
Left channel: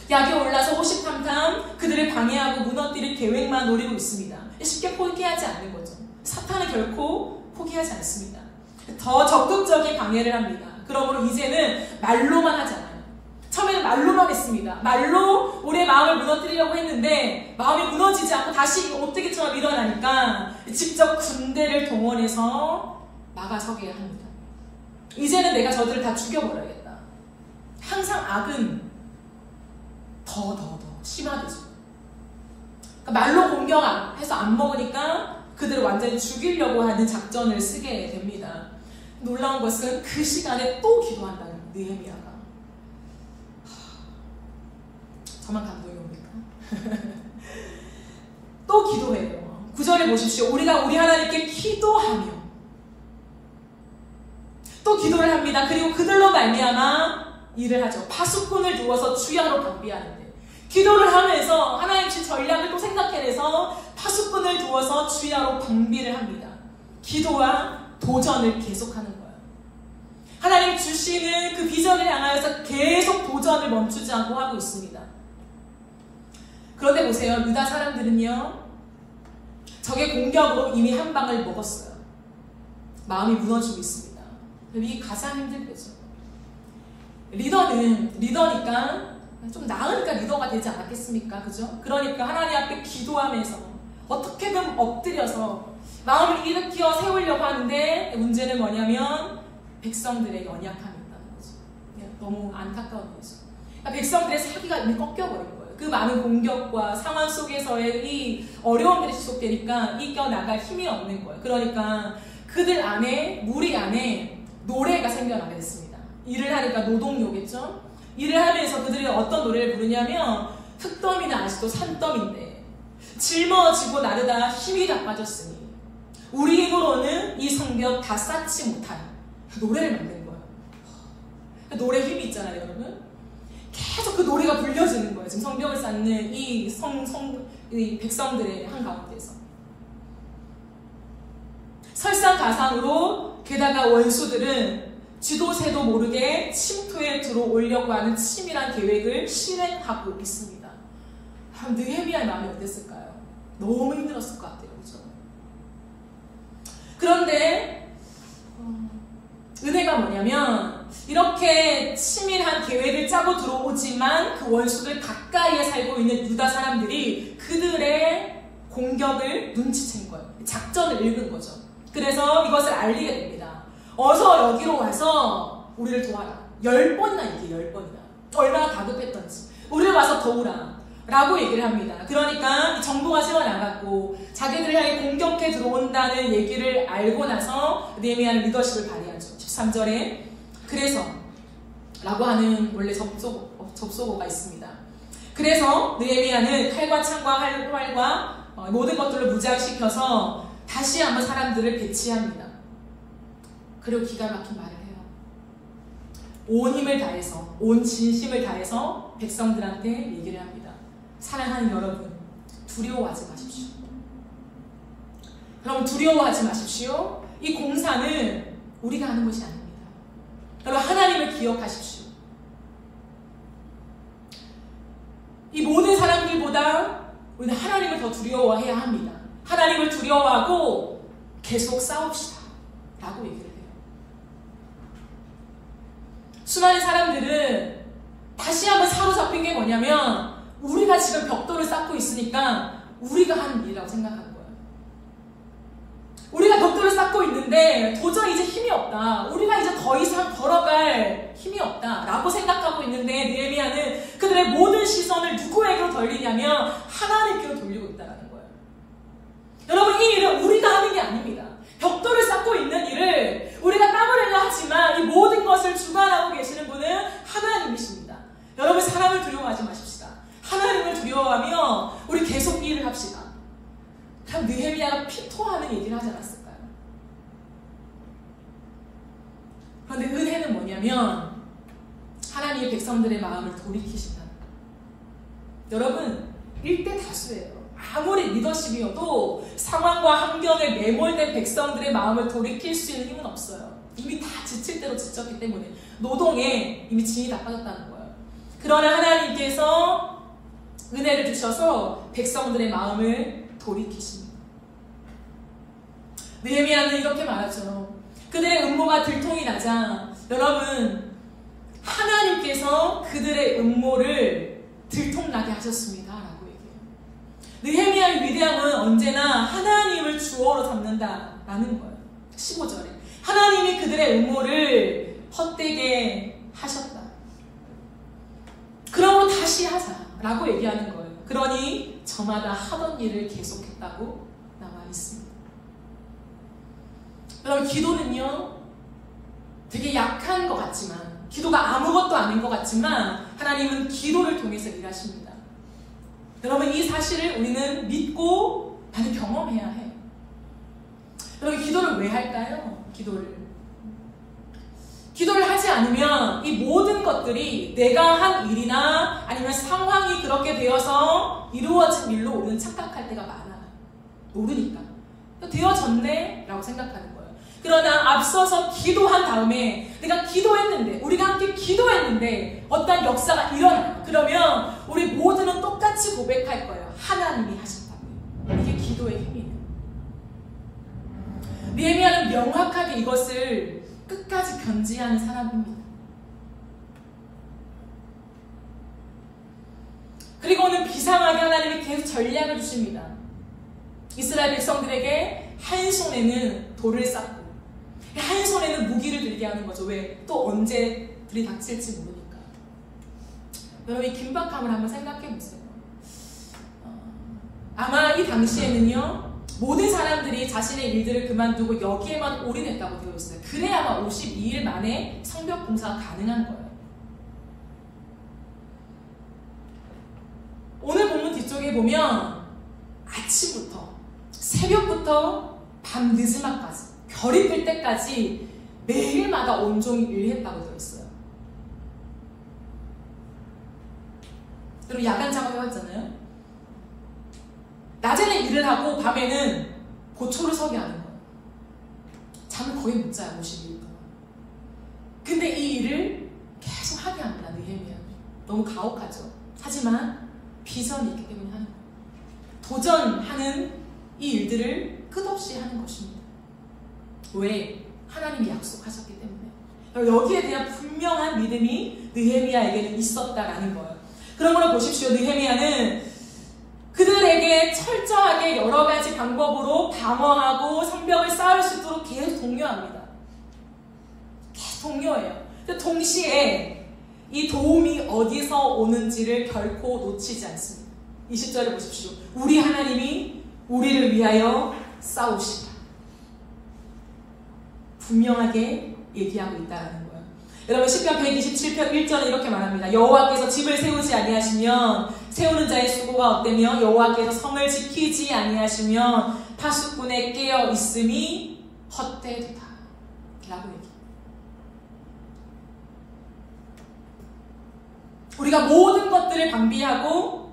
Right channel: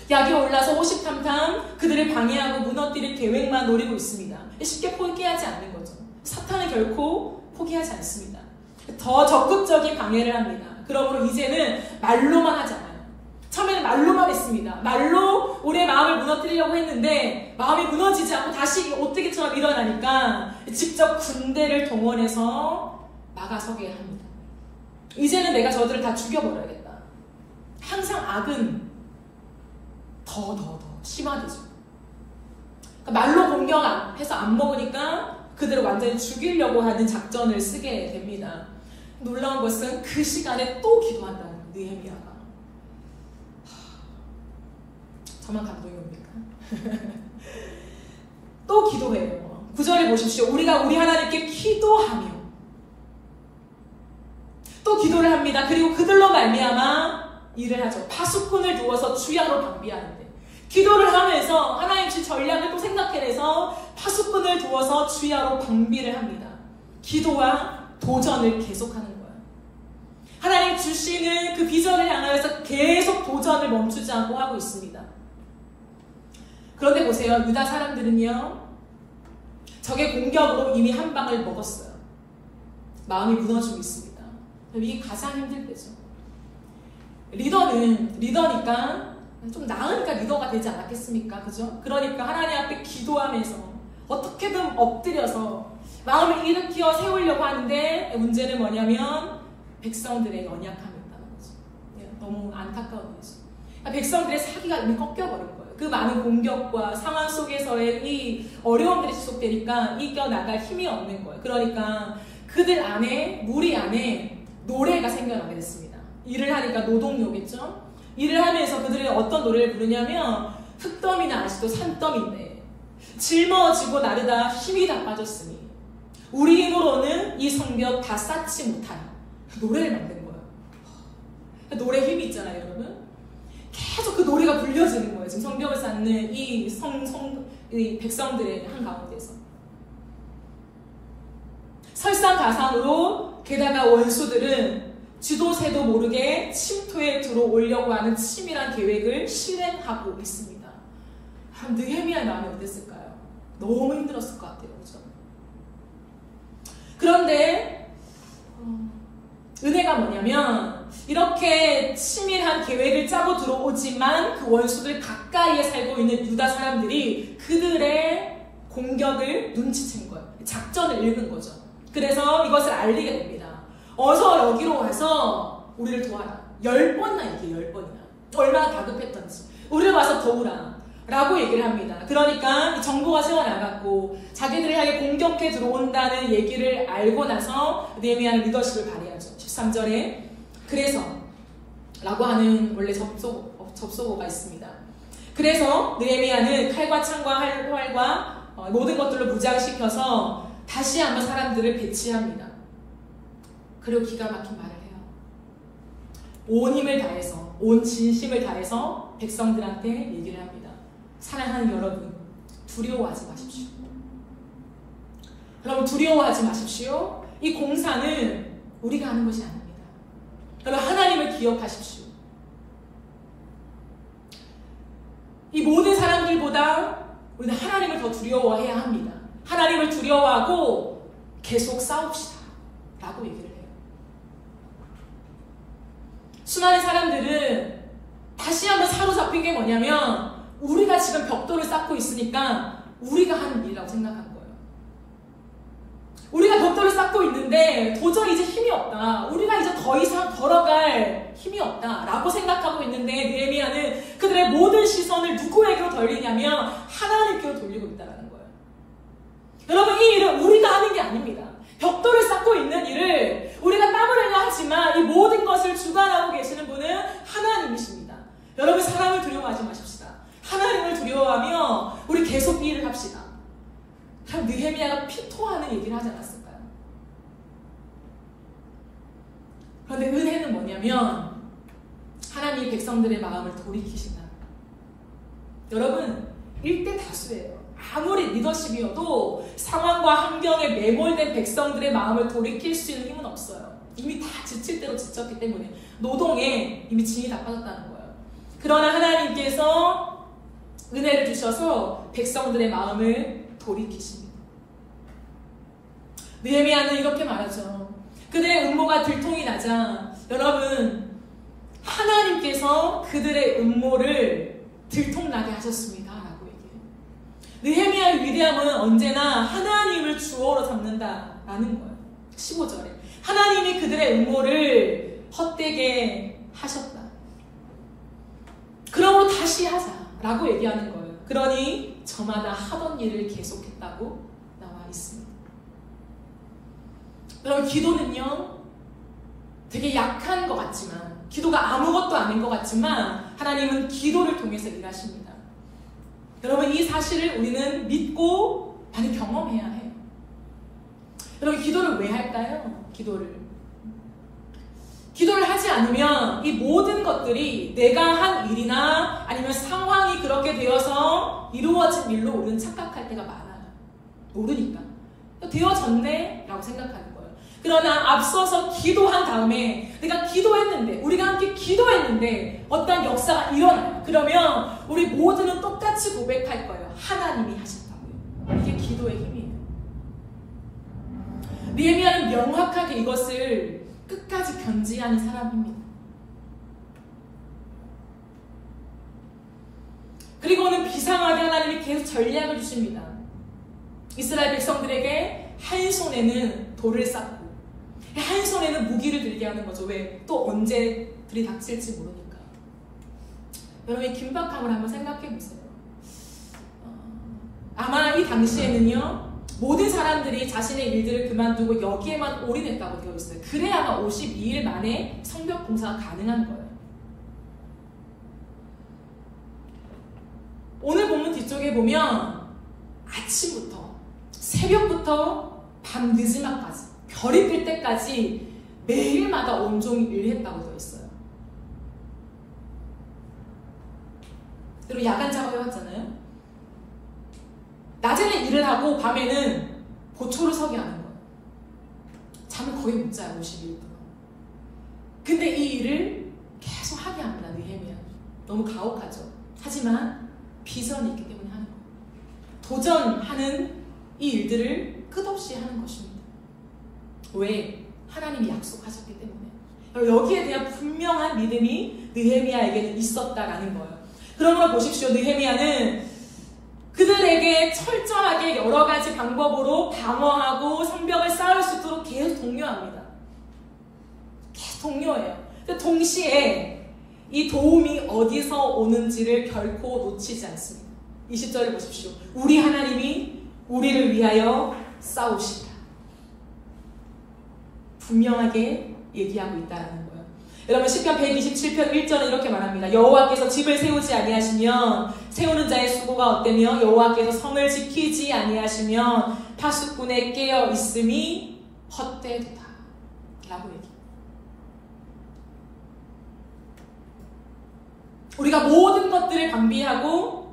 약이 올라서 53탐 그들을 방해하고 무너뜨릴 계획만 노리고 있습니다. 쉽게 포기하지 않는 거죠. 사탄은 결코 포기하지 않습니다. 더 적극적인 방해를 합니다. 그러므로 이제는 말로만 하지 않아요. 처음에는 말로만 했습니다. 말로 우리의 마음을 무너뜨리려고 했는데 마음이 무너지지 않고 다시 오뜨기처럼 일어나니까 직접 군대를 동원해서 막아서게 합니다. 이제는 내가 저들을 다 죽여버려야겠다. 항상 악은 더 심화되죠. 그러니까 말로 공격해서 안 먹으니까 그들을 완전히 죽이려고 하는 작전을 쓰게 됩니다. 놀라운 것은 그 시간에 또 기도한다는 느헤미야가. 저만 감동이 옵니까? 또 기도해요. 9절에 보십시오. 우리가 우리 하나님께 기도하며 또 기도를 합니다. 그리고 그들로 말미암아 일을 하죠. 파수꾼을 두어서 주야로 방비하는데 기도를 하면서 하나님 주 전략을 또 생각해내서 파수꾼을 두어서 주야로 방비를 합니다. 기도와 도전을 계속하는 거예요. 하나님 주시는 그 비전을 향하여서 계속 도전을 멈추지 않고 하고 있습니다. 그런데 보세요. 유다 사람들은요, 적의 공격으로 이미 한 방을 먹었어요. 마음이 무너지고 있습니다. 이게 가장 힘들 때죠. 리더니까 좀 나으니까 리더가 되지 않았겠습니까? 그죠? 그러니까 하나님 앞에 기도하면서 어떻게든 엎드려서 마음을 일으켜 세우려고 하는데, 문제는 뭐냐면 백성들의 연약함이었다는 거죠. 너무 안타까운 거죠. 그러니까 백성들의 사기가 이미 꺾여버린 거예요. 그 많은 공격과 상황 속에서의 이 어려움들이 지속되니까 이겨나갈 힘이 없는 거예요. 그러니까 그들 안에, 무리 안에 노래가 생겨나게 됐습니다. 일을 하니까 노동요겠죠? 일을 하면서 그들이 어떤 노래를 부르냐면, 흙더미는 아직도 산더미인데 짊어지고 나르다 힘이 다 빠졌으니 우리 힘으로는 이 성벽 다 쌓지 못하여 노래를 만드는 거예요. 노래 힘이 있잖아요, 여러분. 계속 그 노래가 불려지는 거예요. 지금 성벽을 쌓는 이 백성들의 한가운데서. 설상가상으로, 게다가 원수들은 지도새도 모르게 침투에 들어오려고 하는 치밀한 계획을 실행하고 있습니다. 느헤미야의 마음이 어땠을까요? 너무 힘들었을 것 같아요. 그렇죠? 그런데 은혜가 뭐냐면, 이렇게 치밀한 계획을 짜고 들어오지만 그 원수들 가까이에 살고 있는 유다 사람들이 그들의 공격을 눈치챈 거예요. 작전을 읽은 거죠. 그래서 이것을 알리게 됩니다. 어서 여기로 와서 우리를 도와라. 10번이나 얘기해요. 10번이나. 얼마나 다급했던지. 우리를 와서 도우라. 라고 얘기를 합니다. 그러니까 정보가 새어나갔고 자기들을 향해 공격해 들어온다는 얘기를 알고 나서 느헤미야는 리더십을 발휘하죠. 13절에 그래서 라고 하는 원래 접속어가 있습니다. 그래서 느헤미야는 칼과 창과 활과 모든 것들을 무장시켜서 다시 한번 사람들을 배치합니다. 그리고 기가 막힌 말을 해요. 온 힘을 다해서, 온 진심을 다해서 백성들한테 얘기를 합니다. 사랑하는 여러분, 두려워하지 마십시오. 여러분, 두려워하지 마십시오. 이 공사는 우리가 하는 것이 아닙니다. 여러분, 하나님을 기억하십시오. 이 모든 사람들보다 우리는 하나님을 더 두려워해야 합니다. 하나님을 두려워하고 계속 싸웁시다. 라고 얘기를 해요. 수많은 사람들은 다시 한번 사로잡힌 게 뭐냐면, 우리가 지금 벽돌을 쌓고 있으니까 우리가 하는 일이라고 생각하는 거예요. 우리가 벽돌을 쌓고 있는데 도저히 이제 힘이 없다. 우리가 이제 더 이상 걸어갈 힘이 없다. 라고 생각하고 있는데 느헤미야는 그들의 모든 시선을 누구에게로 돌리냐면 하나님께로 돌리고 있다는 거예요. 여러분, 이 일은 우리가 하는 게 아닙니다. 벽돌을 쌓고 있는 일을 우리가 땀 흘려 하지만 이 모든 것을 주관하고 계시는 분은 하나님이십니다. 여러분, 사람을 두려워하지 마십시다. 하나님을 두려워하며 우리 계속 이 일을 합시다. 참 느헤미야가 피토하는 얘기를 하지 않았을까요? 그런데 은혜는 뭐냐면 하나님의 백성들의 마음을 돌이키신다. 여러분, 일대 다수예요. 아무리 리더십이어도 상황과 환경에 매몰된 백성들의 마음을 돌이킬 수 있는 힘은 없어요. 이미 다 지칠 대로 지쳤기 때문에 노동에 이미 진이 다 빠졌다는 거예요. 그러나 하나님께서 은혜를 주셔서 백성들의 마음을 돌이키십니다. 느헤미야는 이렇게 말하죠. 그들의 음모가 들통이 나자, 여러분, 하나님께서 그들의 음모를 들통나게 하셨습니다. 라고 얘기해요. 느헤미야의 위대함은 언제나 하나님을 주어로 삼는다라는 거예요. 15절에 하나님이 그들의 음모를 헛되게 하셨다. 그러므로 다시 하자 라고 얘기하는 거예요. 그러니 저마다 하던 일을 계속했다고 나와 있습니다. 여러분, 기도는요 되게 약한 것 같지만, 기도가 아무것도 아닌 것 같지만 하나님은 기도를 통해서 일하십니다. 여러분, 이 사실을 우리는 믿고 많이 경험해야 해요. 여러분, 기도를 왜 할까요? 기도를 기도를 하지 않으면 이 모든 것들이 내가 한 일이나 아니면 상황이 그렇게 되어서 이루어진 일로 우리는 착각할 때가 많아요. 모르니까. 되어졌네? 라고 생각하는 거예요. 그러나 앞서서 기도한 다음에 내가 기도했는데, 우리가 함께 기도했는데 어떤 역사가 일어나요. 그러면 우리 모두는 똑같이 고백할 거예요. 하나님이 하신다고요. 이게 기도의 힘이에요. 느헤미야는 명확하게 이것을 끝까지 견지하는 사람입니다. 그리고는 비상하게 하나님이 계속 전략을 주십니다. 이스라엘 백성들에게 한 손에는 돌을 쌓고 한 손에는 무기를 들게 하는 거죠. 왜? 또 언제 들이닥칠지 모르니까. 여러분 이 긴박함을 한번 생각해 보세요. 아마 이 당시에는요, 모든 사람들이 자신의 일들을 그만두고 여기에만 올인했다고 되어 있어요. 그래야 아마 52일 만에 성벽 공사가 가능한 거예요. 오늘 본문 뒤쪽에 보면 아침부터 새벽부터 밤 늦음까지 별이 뜰 때까지 매일마다 온종일 일했다고 되어 있어요. 그리고 야간 작업을 했잖아요. 낮에는 일을 하고 밤에는 고초를 서게 하는 거예요. 잠을 거의 못 자요. 52일 동안. 근데 이 일을 계속 하게 합니다. 느헤미야. 너무 가혹하죠. 하지만 비전이 있기 때문에 하는 거예요. 도전하는 이 일들을 끝없이 하는 것입니다. 왜? 하나님이 약속하셨기 때문에. 여기에 대한 분명한 믿음이 느헤미야에게는 있었다라는 거예요. 그러므로 보십시오. 느헤미야는 그들에게 철저하게 여러 가지 방법으로 방어하고 성벽을 쌓을 수 있도록 계속 독려합니다. 계속 독려해요. 동시에 이 도움이 어디서 오는지를 결코 놓치지 않습니다. 20절을 보십시오. 우리 하나님이 우리를 위하여 싸우시라. 분명하게 얘기하고 있다는 거예요. 여러분 시편 127편 1절은 이렇게 말합니다. 여호와께서 집을 세우지 아니하시면 세우는 자의 수고가 어때며 여호와께서 성을 지키지 아니하시면 파수꾼에 깨어 있음이 헛되도다 라고 얘기합니다. 우리가 모든 것들을 방비하고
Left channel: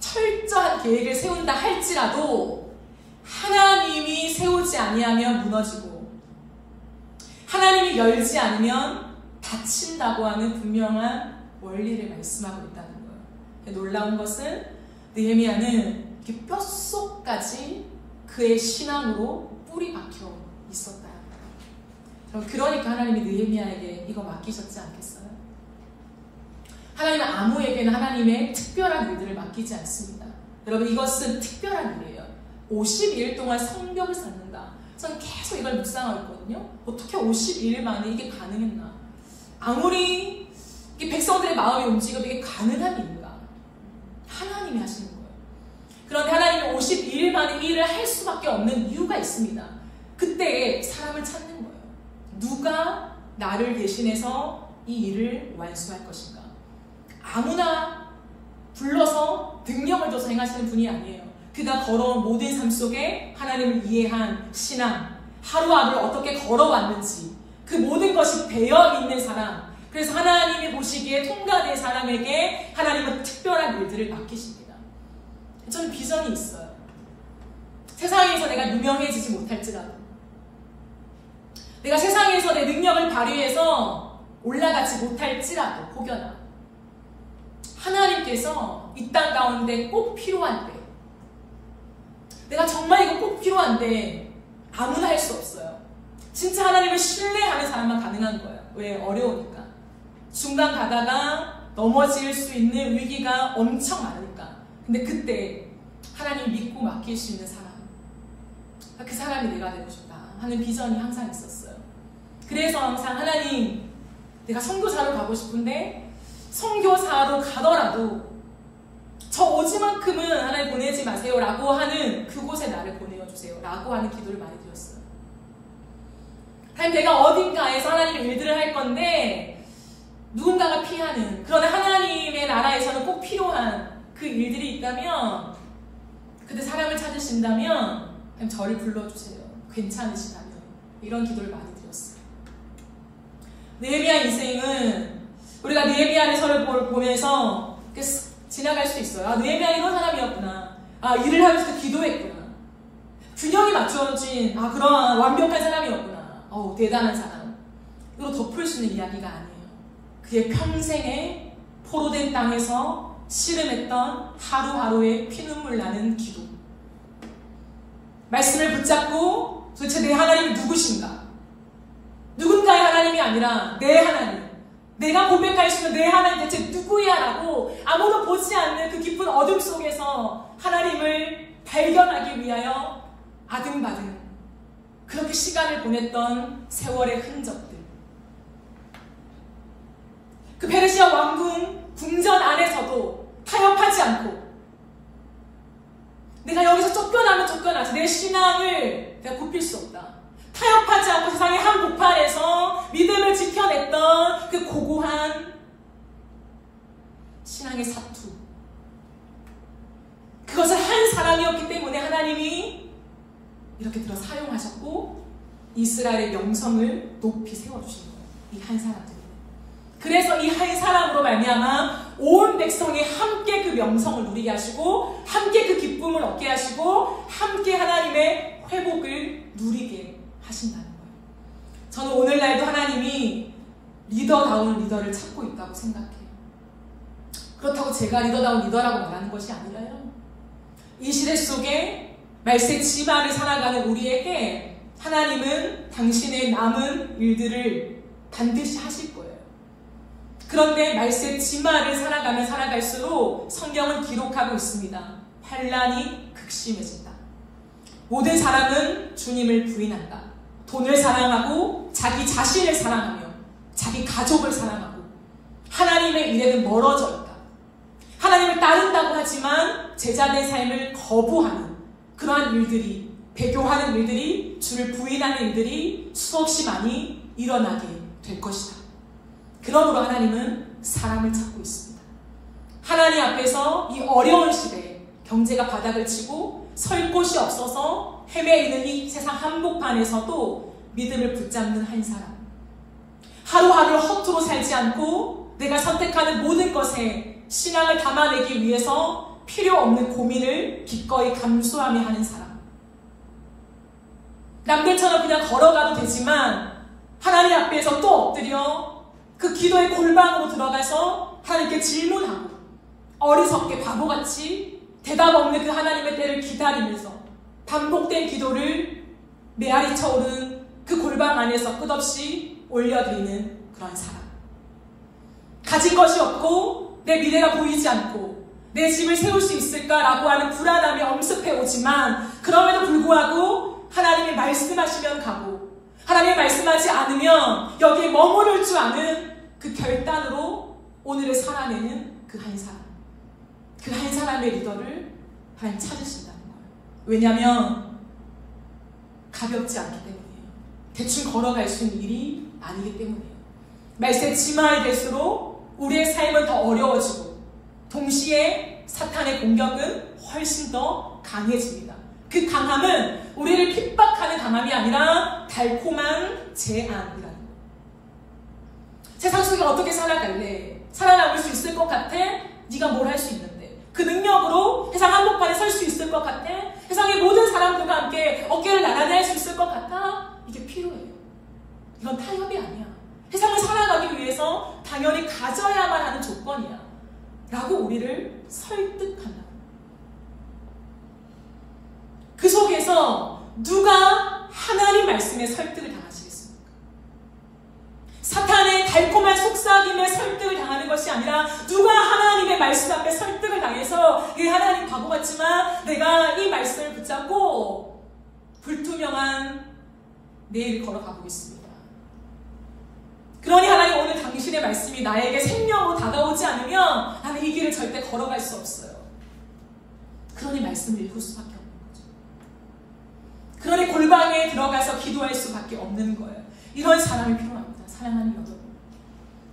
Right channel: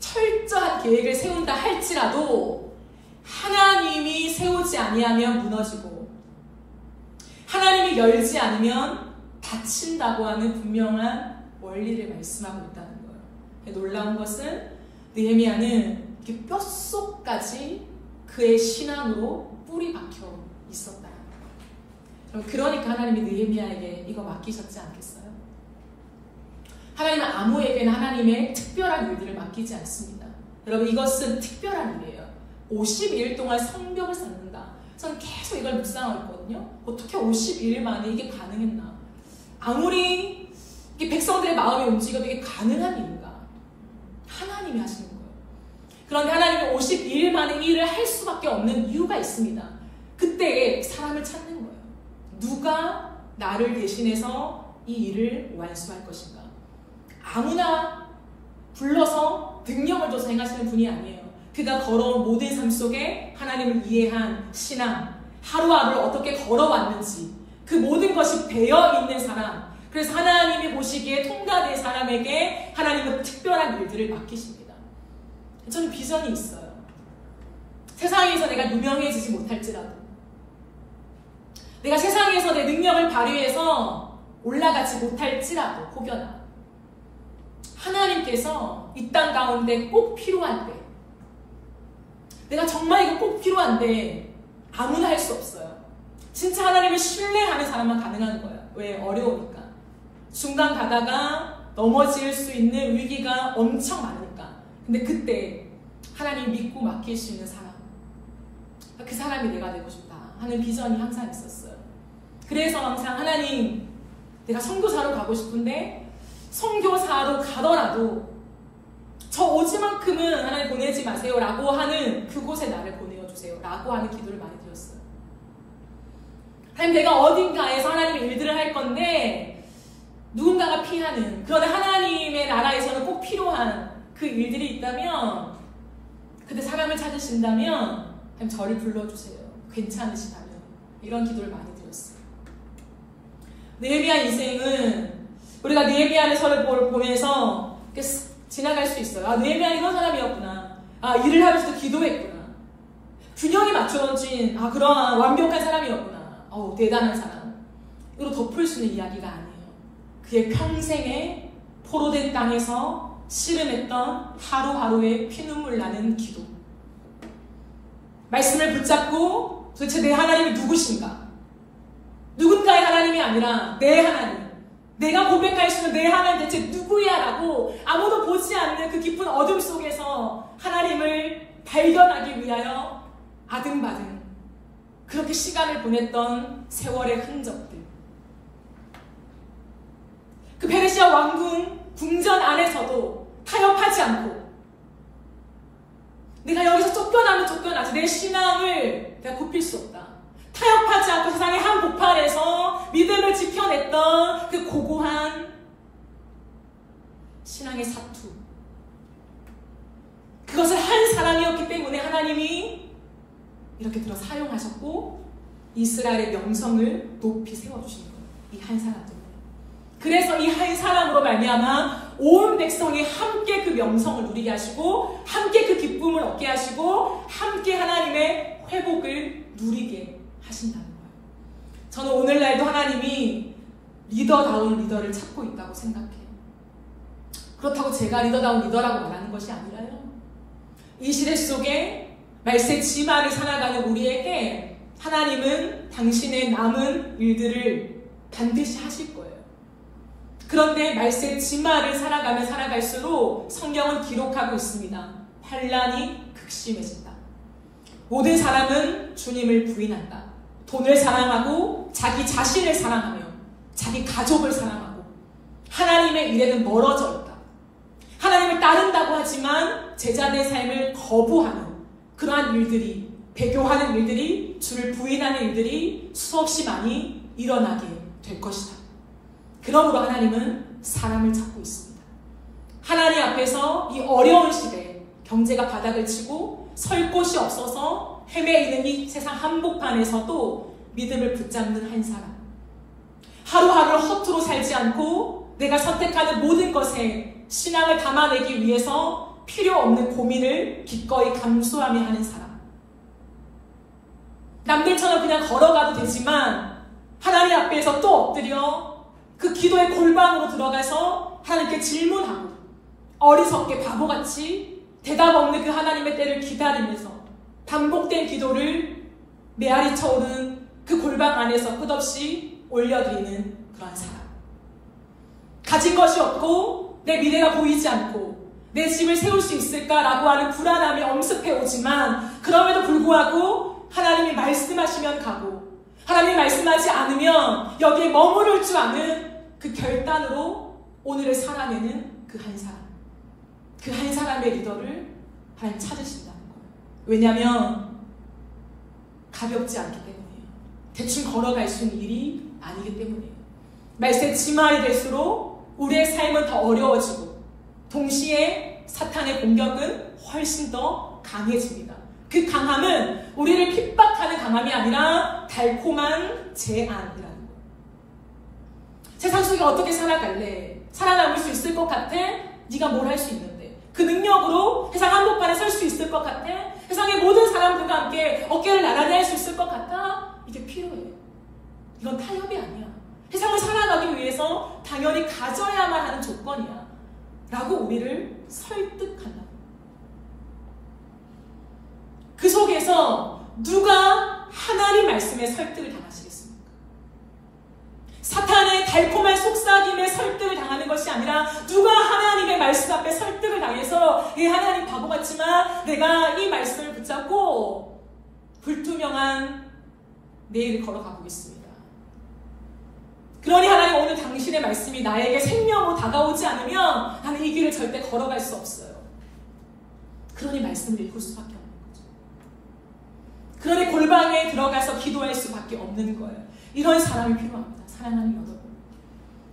철저한 계획을 세운다 할지라도 하나님이 세우지 아니하면 무너지고 하나님이 열지 않으면 닫힌다고 하는 분명한 원리를 말씀하고 있다는 거예요. 놀라운 것은 느헤미야는 이렇게 뼛속까지 그의 신앙으로 뿌리 박혀 있었다는 거예요. 그러니까 하나님이 느헤미야에게 이거 맡기셨지 않겠어요? 하나님은 아무에게나 하나님의 특별한 일들을 맡기지 않습니다. 여러분 이것은 특별한 일이에요. 52일 동안 성벽을 쌓는다. 저는 계속 이걸 묵상하고 있거든요. 어떻게 52일 만에 이게 가능했나? 아무리 백성들의 마음이 움직여도 이게 가능한 일인가? 하나님이 하시는 거예요. 그런데 하나님이 52일 만에 이 일을 할 수밖에 없는 이유가 있습니다. 그때 사람을 찾는 거예요. 누가 나를 대신해서 이 일을 완수할 것인가? 아무나 불러서 능력을 줘서 행하시는 분이 아니에요. 그가 걸어온 모든 삶 속에 하나님을 이해한 신앙, 하루하루를 어떻게 걸어왔는지 그 모든 것이 배어있는 사람, 그래서 하나님이 보시기에 통과된 사람에게 하나님은 특별한 일들을 맡기십니다. 저는 비전이 있어요. 세상에서 내가 유명해지지 못할지라도, 내가 세상에서 내 능력을 발휘해서 올라가지 못할지라도 혹여나 하나님께서 이 땅 가운데 꼭 필요한 때, 내가 정말 이거 꼭 필요한데 아무나 할 수 없어요. 진짜 하나님을 신뢰하는 사람만 가능한 거예요. 왜? 어려우니까. 중간 가다가 넘어질 수 있는 위기가 엄청 많으니까. 근데 그때 하나님 믿고 맡길 수 있는 사람, 그 사람이 내가 되고 싶다 하는 비전이 항상 있었어요. 그래서 항상 하나님, 내가 선교사로 가고 싶은데 선교사로 가더라도 저 오지만큼은 하나님 보내지 마세요 라고 하는 그곳에 나를 보내어주세요 라고 하는 기도를 많이 드렸어요. 하나님, 내가 어딘가에서 하나님의 일들을 할 건데 누군가가 피하는, 그러나 하나님의 나라에서는 꼭 필요한 그 일들이 있다면, 그때 사람을 찾으신다면 하나님 저를 불러주세요. 괜찮으시다면. 이런 기도를 많이 드렸어요. 느헤미야 인생은 우리가 느헤미야서를 보면서 지나갈 수 있어요. 느헤미야 이런 사람이었구나. 일을 하면서도 기도했구나. 균형이 맞춰진 그런 완벽한 사람이었구나. 대단한 사람. 이로 덮을 수 있는 이야기가 아니에요. 그의 평생에 포로된 땅에서 씨름했던 하루하루의 피눈물 나는 기도. 말씀을 붙잡고 도대체 내 하나님이 누구신가? 누군가의 하나님이 아니라 내 하나님. 내가 고백할 수 있는 내 하나님 대체 누구야? 라고 아무도 보지 않는 그 깊은 어둠 속에서 하나님을 발견하기 위하여 아등바등 그렇게 시간을 보냈던 세월의 흔적들. 그 페르시아 왕궁 궁전 안에서도 타협하지 않고 내가 여기서 쫓겨나면 쫓겨나지 내 신앙을 내가 굽힐 수 없다. 타협하지 않고 세상의 한복판에서 믿음을 지켜냈던 그 고고한 신앙의 사투. 그것을 한 사람이었기 때문에 하나님이 이렇게 들어 사용하셨고 이스라엘의 명성을 높이 세워주신 거예요. 이 한 사람 때문에. 그래서 이 한 사람으로 말미암아 온 백성이 함께 그 명성을 누리게 하시고 함께 그 기쁨을 얻게 하시고 함께 하나님의 회복을 누리게 하신다는 거예요. 저는 오늘날도 하나님이 리더다운 리더를 찾고 있다고 생각해요. 그렇다고 제가 리더다운 리더라고 말하는 것이 아니라요. 이 시대 속에 말세 지마를 살아가는 우리에게 하나님은 당신의 남은 일들을 반드시 하실 거예요. 그런데 말세 지마를 살아가면 살아갈수록 성경은 기록하고 있습니다. 환난이 극심해진다. 모든 사람은 주님을 부인한다. 돈을 사랑하고 자기 자신을 사랑하며 자기 가족을 사랑하고 하나님의 일에는 멀어져 있다. 하나님을 따른다고 하지만 제자된 삶을 거부하는 그러한 일들이, 배교하는 일들이, 주를 부인하는 일들이 수없이 많이 일어나게 될 것이다. 그러므로 하나님은 사람을 찾고 있습니다. 하나님 앞에서 이 어려운 시대에 경제가 바닥을 치고 설 곳이 없어서 헤매이는 이 세상 한복판에서도 믿음을 붙잡는 한 사람. 하루하루를 허투루 살지 않고 내가 선택하는 모든 것에 신앙을 담아내기 위해서 필요 없는 고민을 기꺼이 감수하며 하는 사람. 남들처럼 그냥 걸어가도 되지만 하나님 앞에서 또 엎드려 그 기도의 골방으로 들어가서 하나님께 질문하고 어리석게 바보같이 대답 없는 그 하나님의 때를 기다리면서 반복된 기도를 메아리 쳐오르는 그 골방 안에서 끝없이 올려드리는 그런 사람. 가진 것이 없고 내 미래가 보이지 않고 내 집을 세울 수 있을까라고 하는 불안함이 엄습해오지만 그럼에도 불구하고 하나님이 말씀하시면 가고 하나님이 말씀하지 않으면 여기에 머무를 줄 아는 그 결단으로 오늘을 살아내는 그 한 사람. 그 한 사람의 리더를 하나님 찾으신다는 거예요. 왜냐하면 가볍지 않기 때문이에요. 대충 걸어갈 수 있는 일이 아니기 때문이에요. 말세 지말이 될수록 우리의 삶은 더 어려워지고 동시에 사탄의 공격은 훨씬 더 강해집니다. 그 강함은 우리를 핍박하는 강함이 아니라 달콤한 제안이라는 거예요. 세상 속에 어떻게 살아갈래? 살아남을 수 있을 것 같아? 네가 뭘 할 수 있는데? 그 능력으로 세상 한복판에 설 수 있을 것 같아? 세상의 모든 사람들과 함께 어깨를 나란히 할 수 있을 것 같아? 이게 필요해요. 이건 타협이 아니야. 세상을 살아가기 위해서 당연히 가져야만 하는 조건이야. 라고 우리를 설득한다. 그 속에서 누가 하나님 말씀에 설득을 당하시겠습니까? 사탄의 달콤한 속삭임에 설득을 당하는 것이 아니라 누가 하나님의 말씀 앞에 설득을 당해서 이 하나님 바보 같지만 내가 이 말씀을 붙잡고 불투명한 내일을 걸어가 보겠습니다. 그러니 하나님 오늘 당신의 말씀이 나에게 생명으로 다가오지 않으면 나는 이 길을 절대 걸어갈 수 없어요. 그러니 말씀을 읽을 수밖에 없는 거죠. 그러니 골방에 들어가서 기도할 수밖에 없는 거예요. 이런 사람이 필요합니다. 사랑하는 여러분.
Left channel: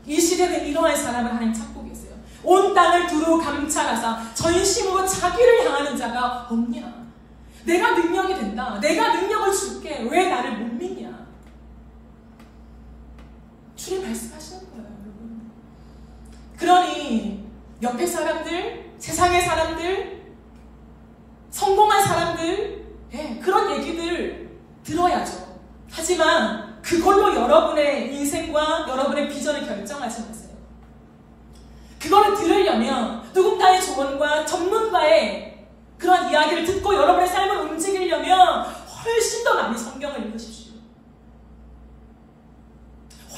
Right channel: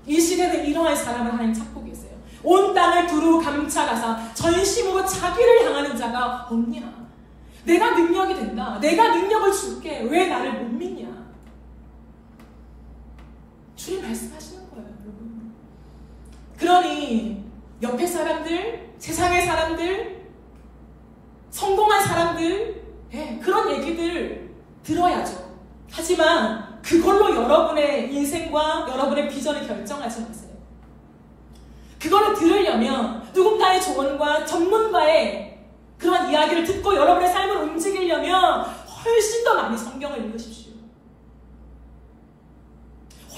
이 시대는 이러한 사람을 하나님 찾고 계세요. 온 땅을 두루 감찰하사 전심으로 자기를 향하는 자가 없냐. 내가 능력이 된다. 내가 능력을 줄게. 왜 나를 못 믿냐. 주님 말씀하시는 거예요, 여러분. 그러니 옆에 사람들, 세상의 사람들, 성공한 사람들, 그런 얘기들 들어야죠. 하지만 그걸로 여러분의 인생과 여러분의 비전을 결정하지 마세요. 그거를 들으려면 누군가의 조언과 전문가의 그런 이야기를 듣고 여러분의 삶을 움직이려면 훨씬 더 많이 성경을 읽으십시오.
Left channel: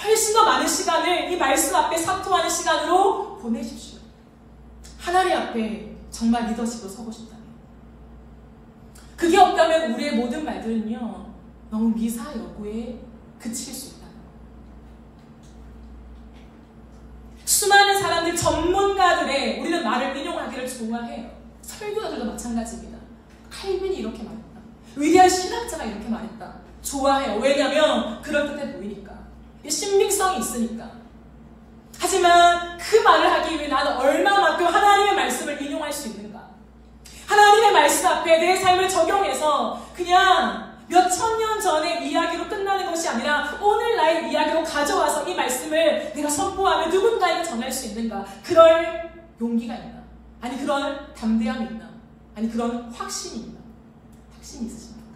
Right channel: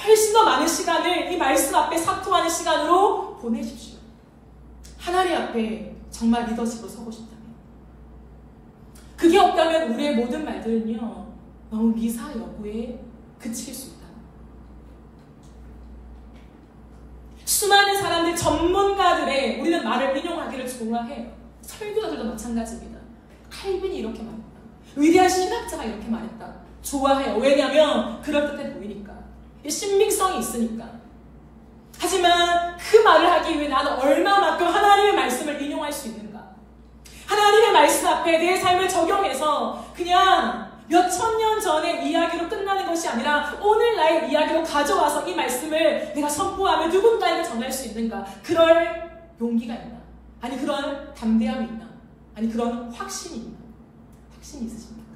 훨씬 더 많은 시간을 이 말씀 앞에 사토하는 시간으로 보내십시오. 하나님 앞에 정말 리더십으로 서고 싶다면. 그게 없다면 우리의 모든 말들은요, 너무 미사 여구에 그칠 수 있다. 수많은 사람들, 전문가들의 우리는 말을 인용하기를 좋아해요. 설교자들도 마찬가지입니다. 칼빈이 이렇게 말했다. 위대한 신학자가 이렇게 말했다. 좋아해요. 왜냐하면 그럴듯해 보이니까. 신빙성이 있으니까. 하지만 그 말을 하기 위해 나는 얼마만큼 하나님의 말씀을 인용할 수 있는가? 하나님의 말씀 앞에 내 삶을 적용해서 그냥 몇천 년 전의 이야기로 끝나는 것이 아니라 오늘 나의 이야기로 가져와서 이 말씀을 내가 선포하며 누군가에게 전할 수 있는가? 그럴 용기가 있나? 아니 그런 담대함이 있나? 아니 그런 확신이 있나? 확신이 있으십니까?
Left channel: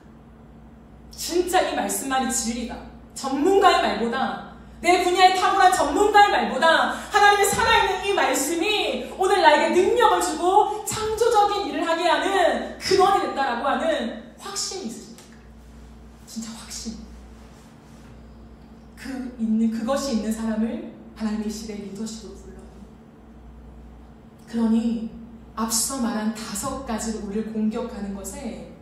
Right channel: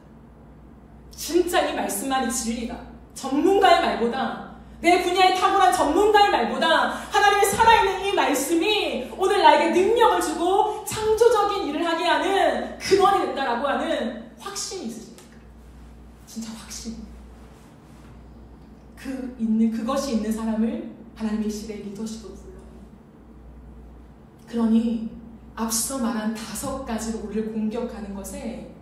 진짜 이 말씀만이 진리다. 전문가의 말보다, 내 분야에 탁월한 전문가의 말보다 하나님의 살아있는 이 말씀이 오늘 나에게 능력을 주고 창조적인 일을 하게 하는 근원이 된다라고 하는 확신이 있으십니까? 진짜 확신. 그것이 있는 사람을 하나님의 시대의 리더십으로 불러요. 그러니 앞서 말한 5가지로 우리를 공격하는 것에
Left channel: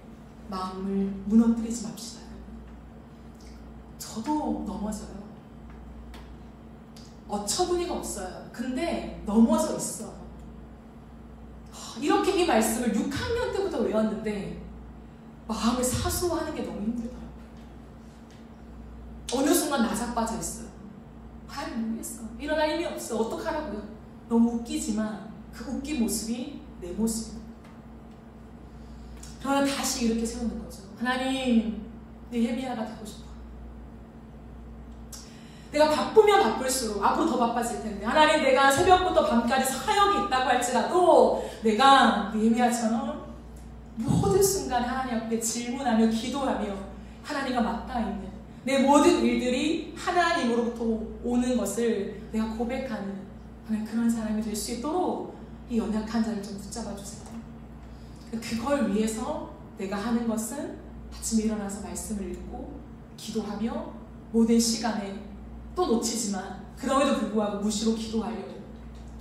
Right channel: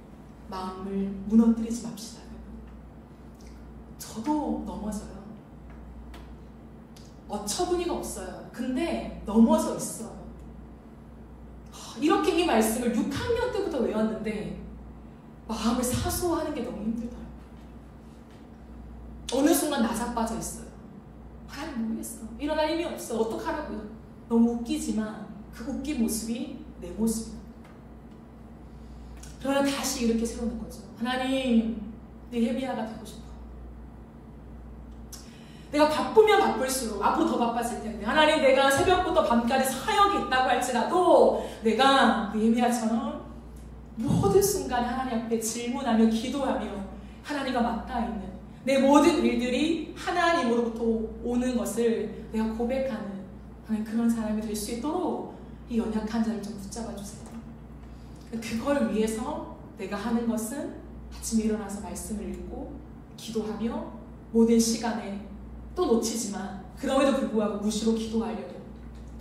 마음을 무너뜨리지 맙시다. 저도 넘어져요. 어처구니가 없어요. 근데 넘어져 있어. 이렇게 이 말씀을 6학년 때부터 외웠는데 마음을 사소하는 게 너무 힘들더라고요. 어느 순간 나자빠져 있어요. 모르겠어. 일어날 힘이 없어. 어떡하라고요? 너무 웃기지만 그 웃긴 모습이 내 모습이에요. 그러나 다시 이렇게 세우는 거죠. 하나님, 느헤미야가 되고 싶어. 내가 바쁘면 바쁠수록 앞으로 더 바빠질 텐데, 하나님, 내가 새벽부터 밤까지 사역이 있다고 할지라도 내가 느헤미야처럼 모든 순간 하나님 앞에 질문하며 기도하며 하나님과 맞닿아 있는 내 모든 일들이 하나님으로부터 오는 것을 내가 고백하는 그런 사람이 될 수 있도록 이 연약한 자를 좀 붙잡아 주세요. 그걸 위해서 내가 하는 것은 아침에 일어나서 말씀을 읽고 기도하며 모든 시간에 또 놓치지만 그럼에도 불구하고 무시로 기도하려고,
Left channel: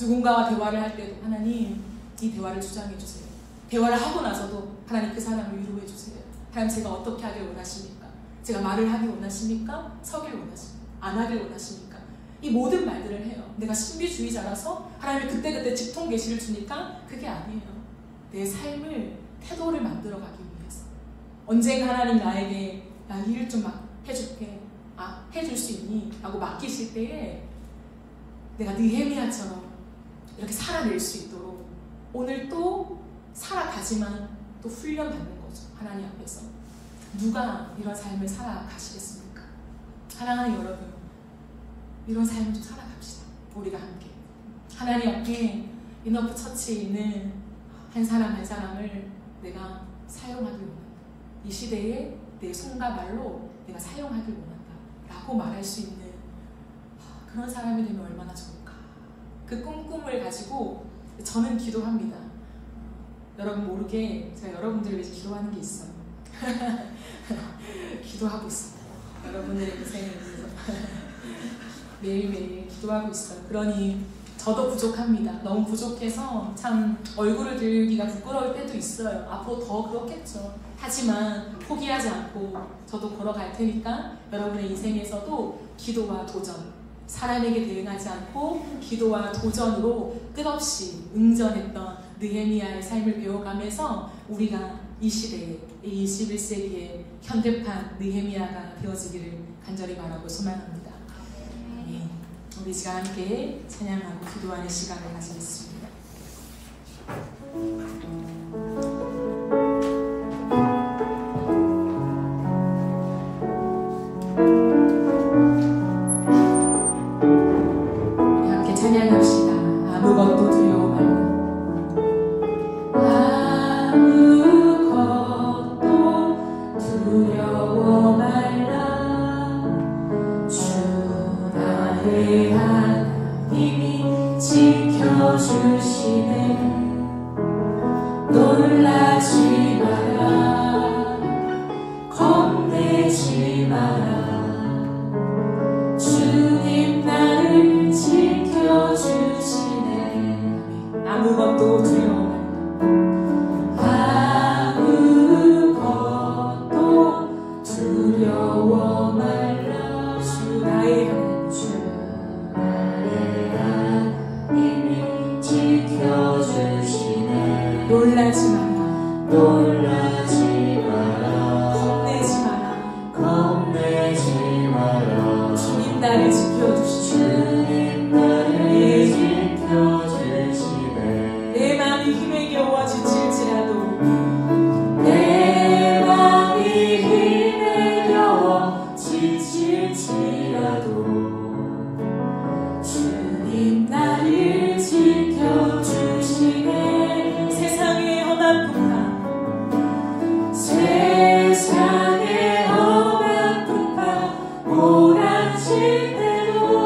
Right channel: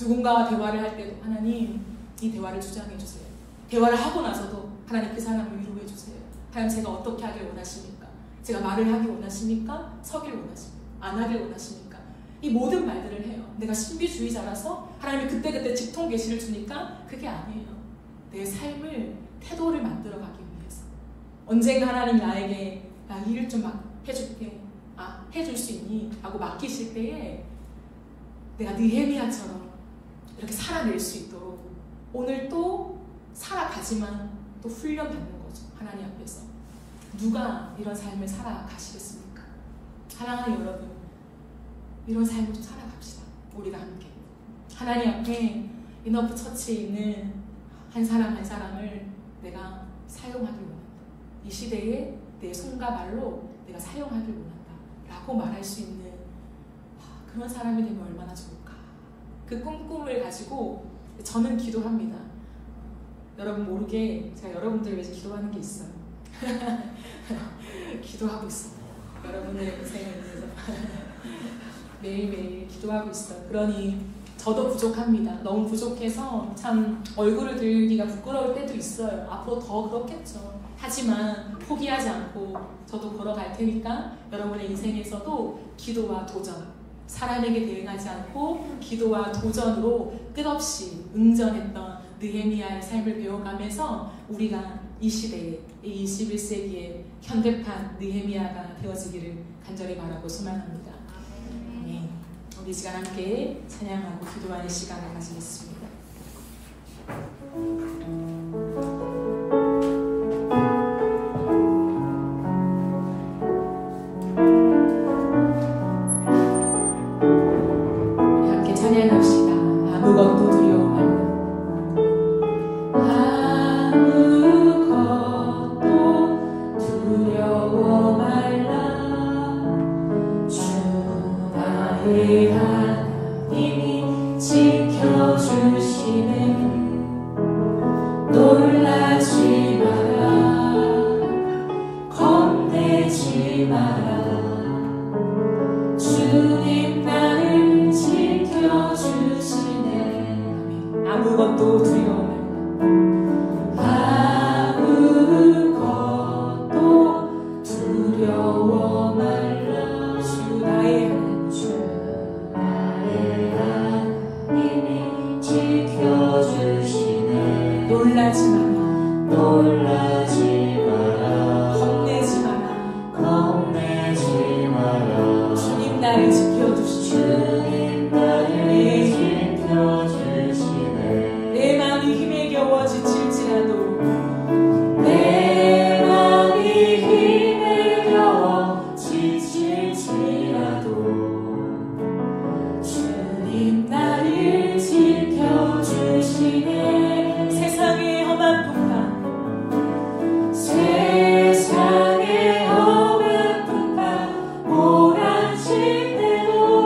누군가와 대화를 할 때도 하나님 이 대화를 주장해 주세요. 대화를 하고 나서도 하나님 그 사람을 위로해 주세요. 하나님, 제가 어떻게 하길 원하십니까? 제가 말을 하길 원하십니까? 서길 원하십니까? 안 하길 원하십니까? 이 모든 말들을 해요. 내가 신비주의자라서 하나님이 그때그때 직통 계시를 주니까 그게 아니에요. 내 삶을, 태도를 만들어가기 위해서. 언젠가 하나님 나에게 나 일 좀 해줄게. 해줄 수 있니? 하고 맡기실 때에 내가 느헤미야처럼 이렇게 살아낼 수 있도록 오늘 또 살아가지만 또 훈련받는 거죠. 하나님 앞에서. 누가 이런 삶을 살아가시겠습니까? 사랑하는 여러분, 이런 삶을 좀 살아갑시다. 우리가 함께. 하나님 앞에 이너프 처치에 있는 한 사람 한 사람을 내가 사용하길 원한다. 이 시대에 내 손과 발로 내가 사용하길 원한다 라고 말할 수 있는 그런 사람이 되면 얼마나 좋을까. 그 꿈을 가지고 저는 기도합니다. 여러분 모르게 제가 여러분들을 위해서 기도하는 게 있어요. 기도하고 있어요. 여러분들의 고생을 위해서 매일매일 기도하고 있어요. 그러니 저도 부족합니다. 너무 부족해서 참 얼굴을 들기가 부끄러울 때도 있어요. 앞으로 더 그렇겠죠. 하지만 포기하지 않고 저도 걸어갈 테니까 여러분의 인생에서도 기도와 도전, 사람에게 대응하지 않고 기도와 도전으로 끝없이 응전했던 느헤미야의 삶을 배워가면서 우리가 이 시대에, 이 21세기에 현대판 느헤미야가 되어지기를 간절히 바라고 소망합니다. 네. 우리 시간 함께 찬양하고 기도하는 시간을 가지겠습니다. 겁내지 마라. 주님 나를 지켜주시네. 주님 나를 지켜주시네. 내 마음이 힘에 겨워 지칠지라도 내 마음이 힘에 겨워 지칠지라도 주님 나를 지켜주시네. 세상의 험한 풍파 세상의 험한 풍파 몰아칠 때도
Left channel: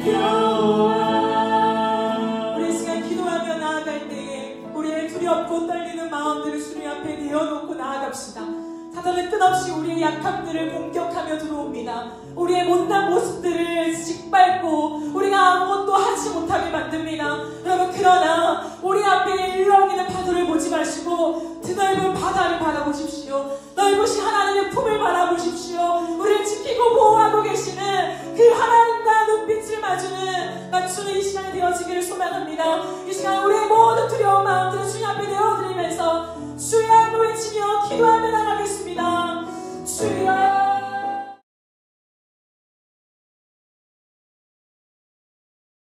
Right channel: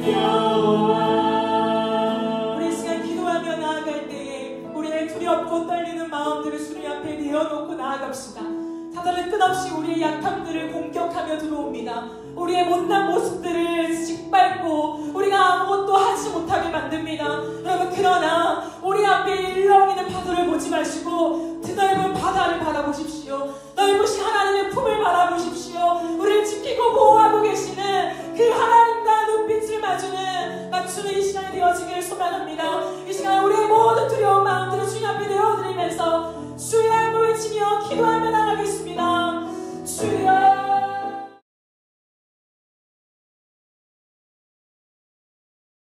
우리 시간 기도하며 나아갈 때에 우리의 두렵고 떨리는 마음들을 주님 앞에 내어놓고 나아갑시다. 사탄은 끝없이 우리의 약함들을 공격하며 들어옵니다. 우리의 못난 모습들을 짓밟고 우리가 아무것도 하지 못하게 만듭니다. 여러분, 그러나 우리 앞에 일렁이는 파도를 보지 마시고 드넓은 바다를 바라보십시오. 넓으신 하나님의 품을 바라보십시오. 우리를 지키고 보호하고 계시는 그 하나님과 눈빛을 맞추는 이 시간이 되어지기를 소망합니다. 이 시간 우리의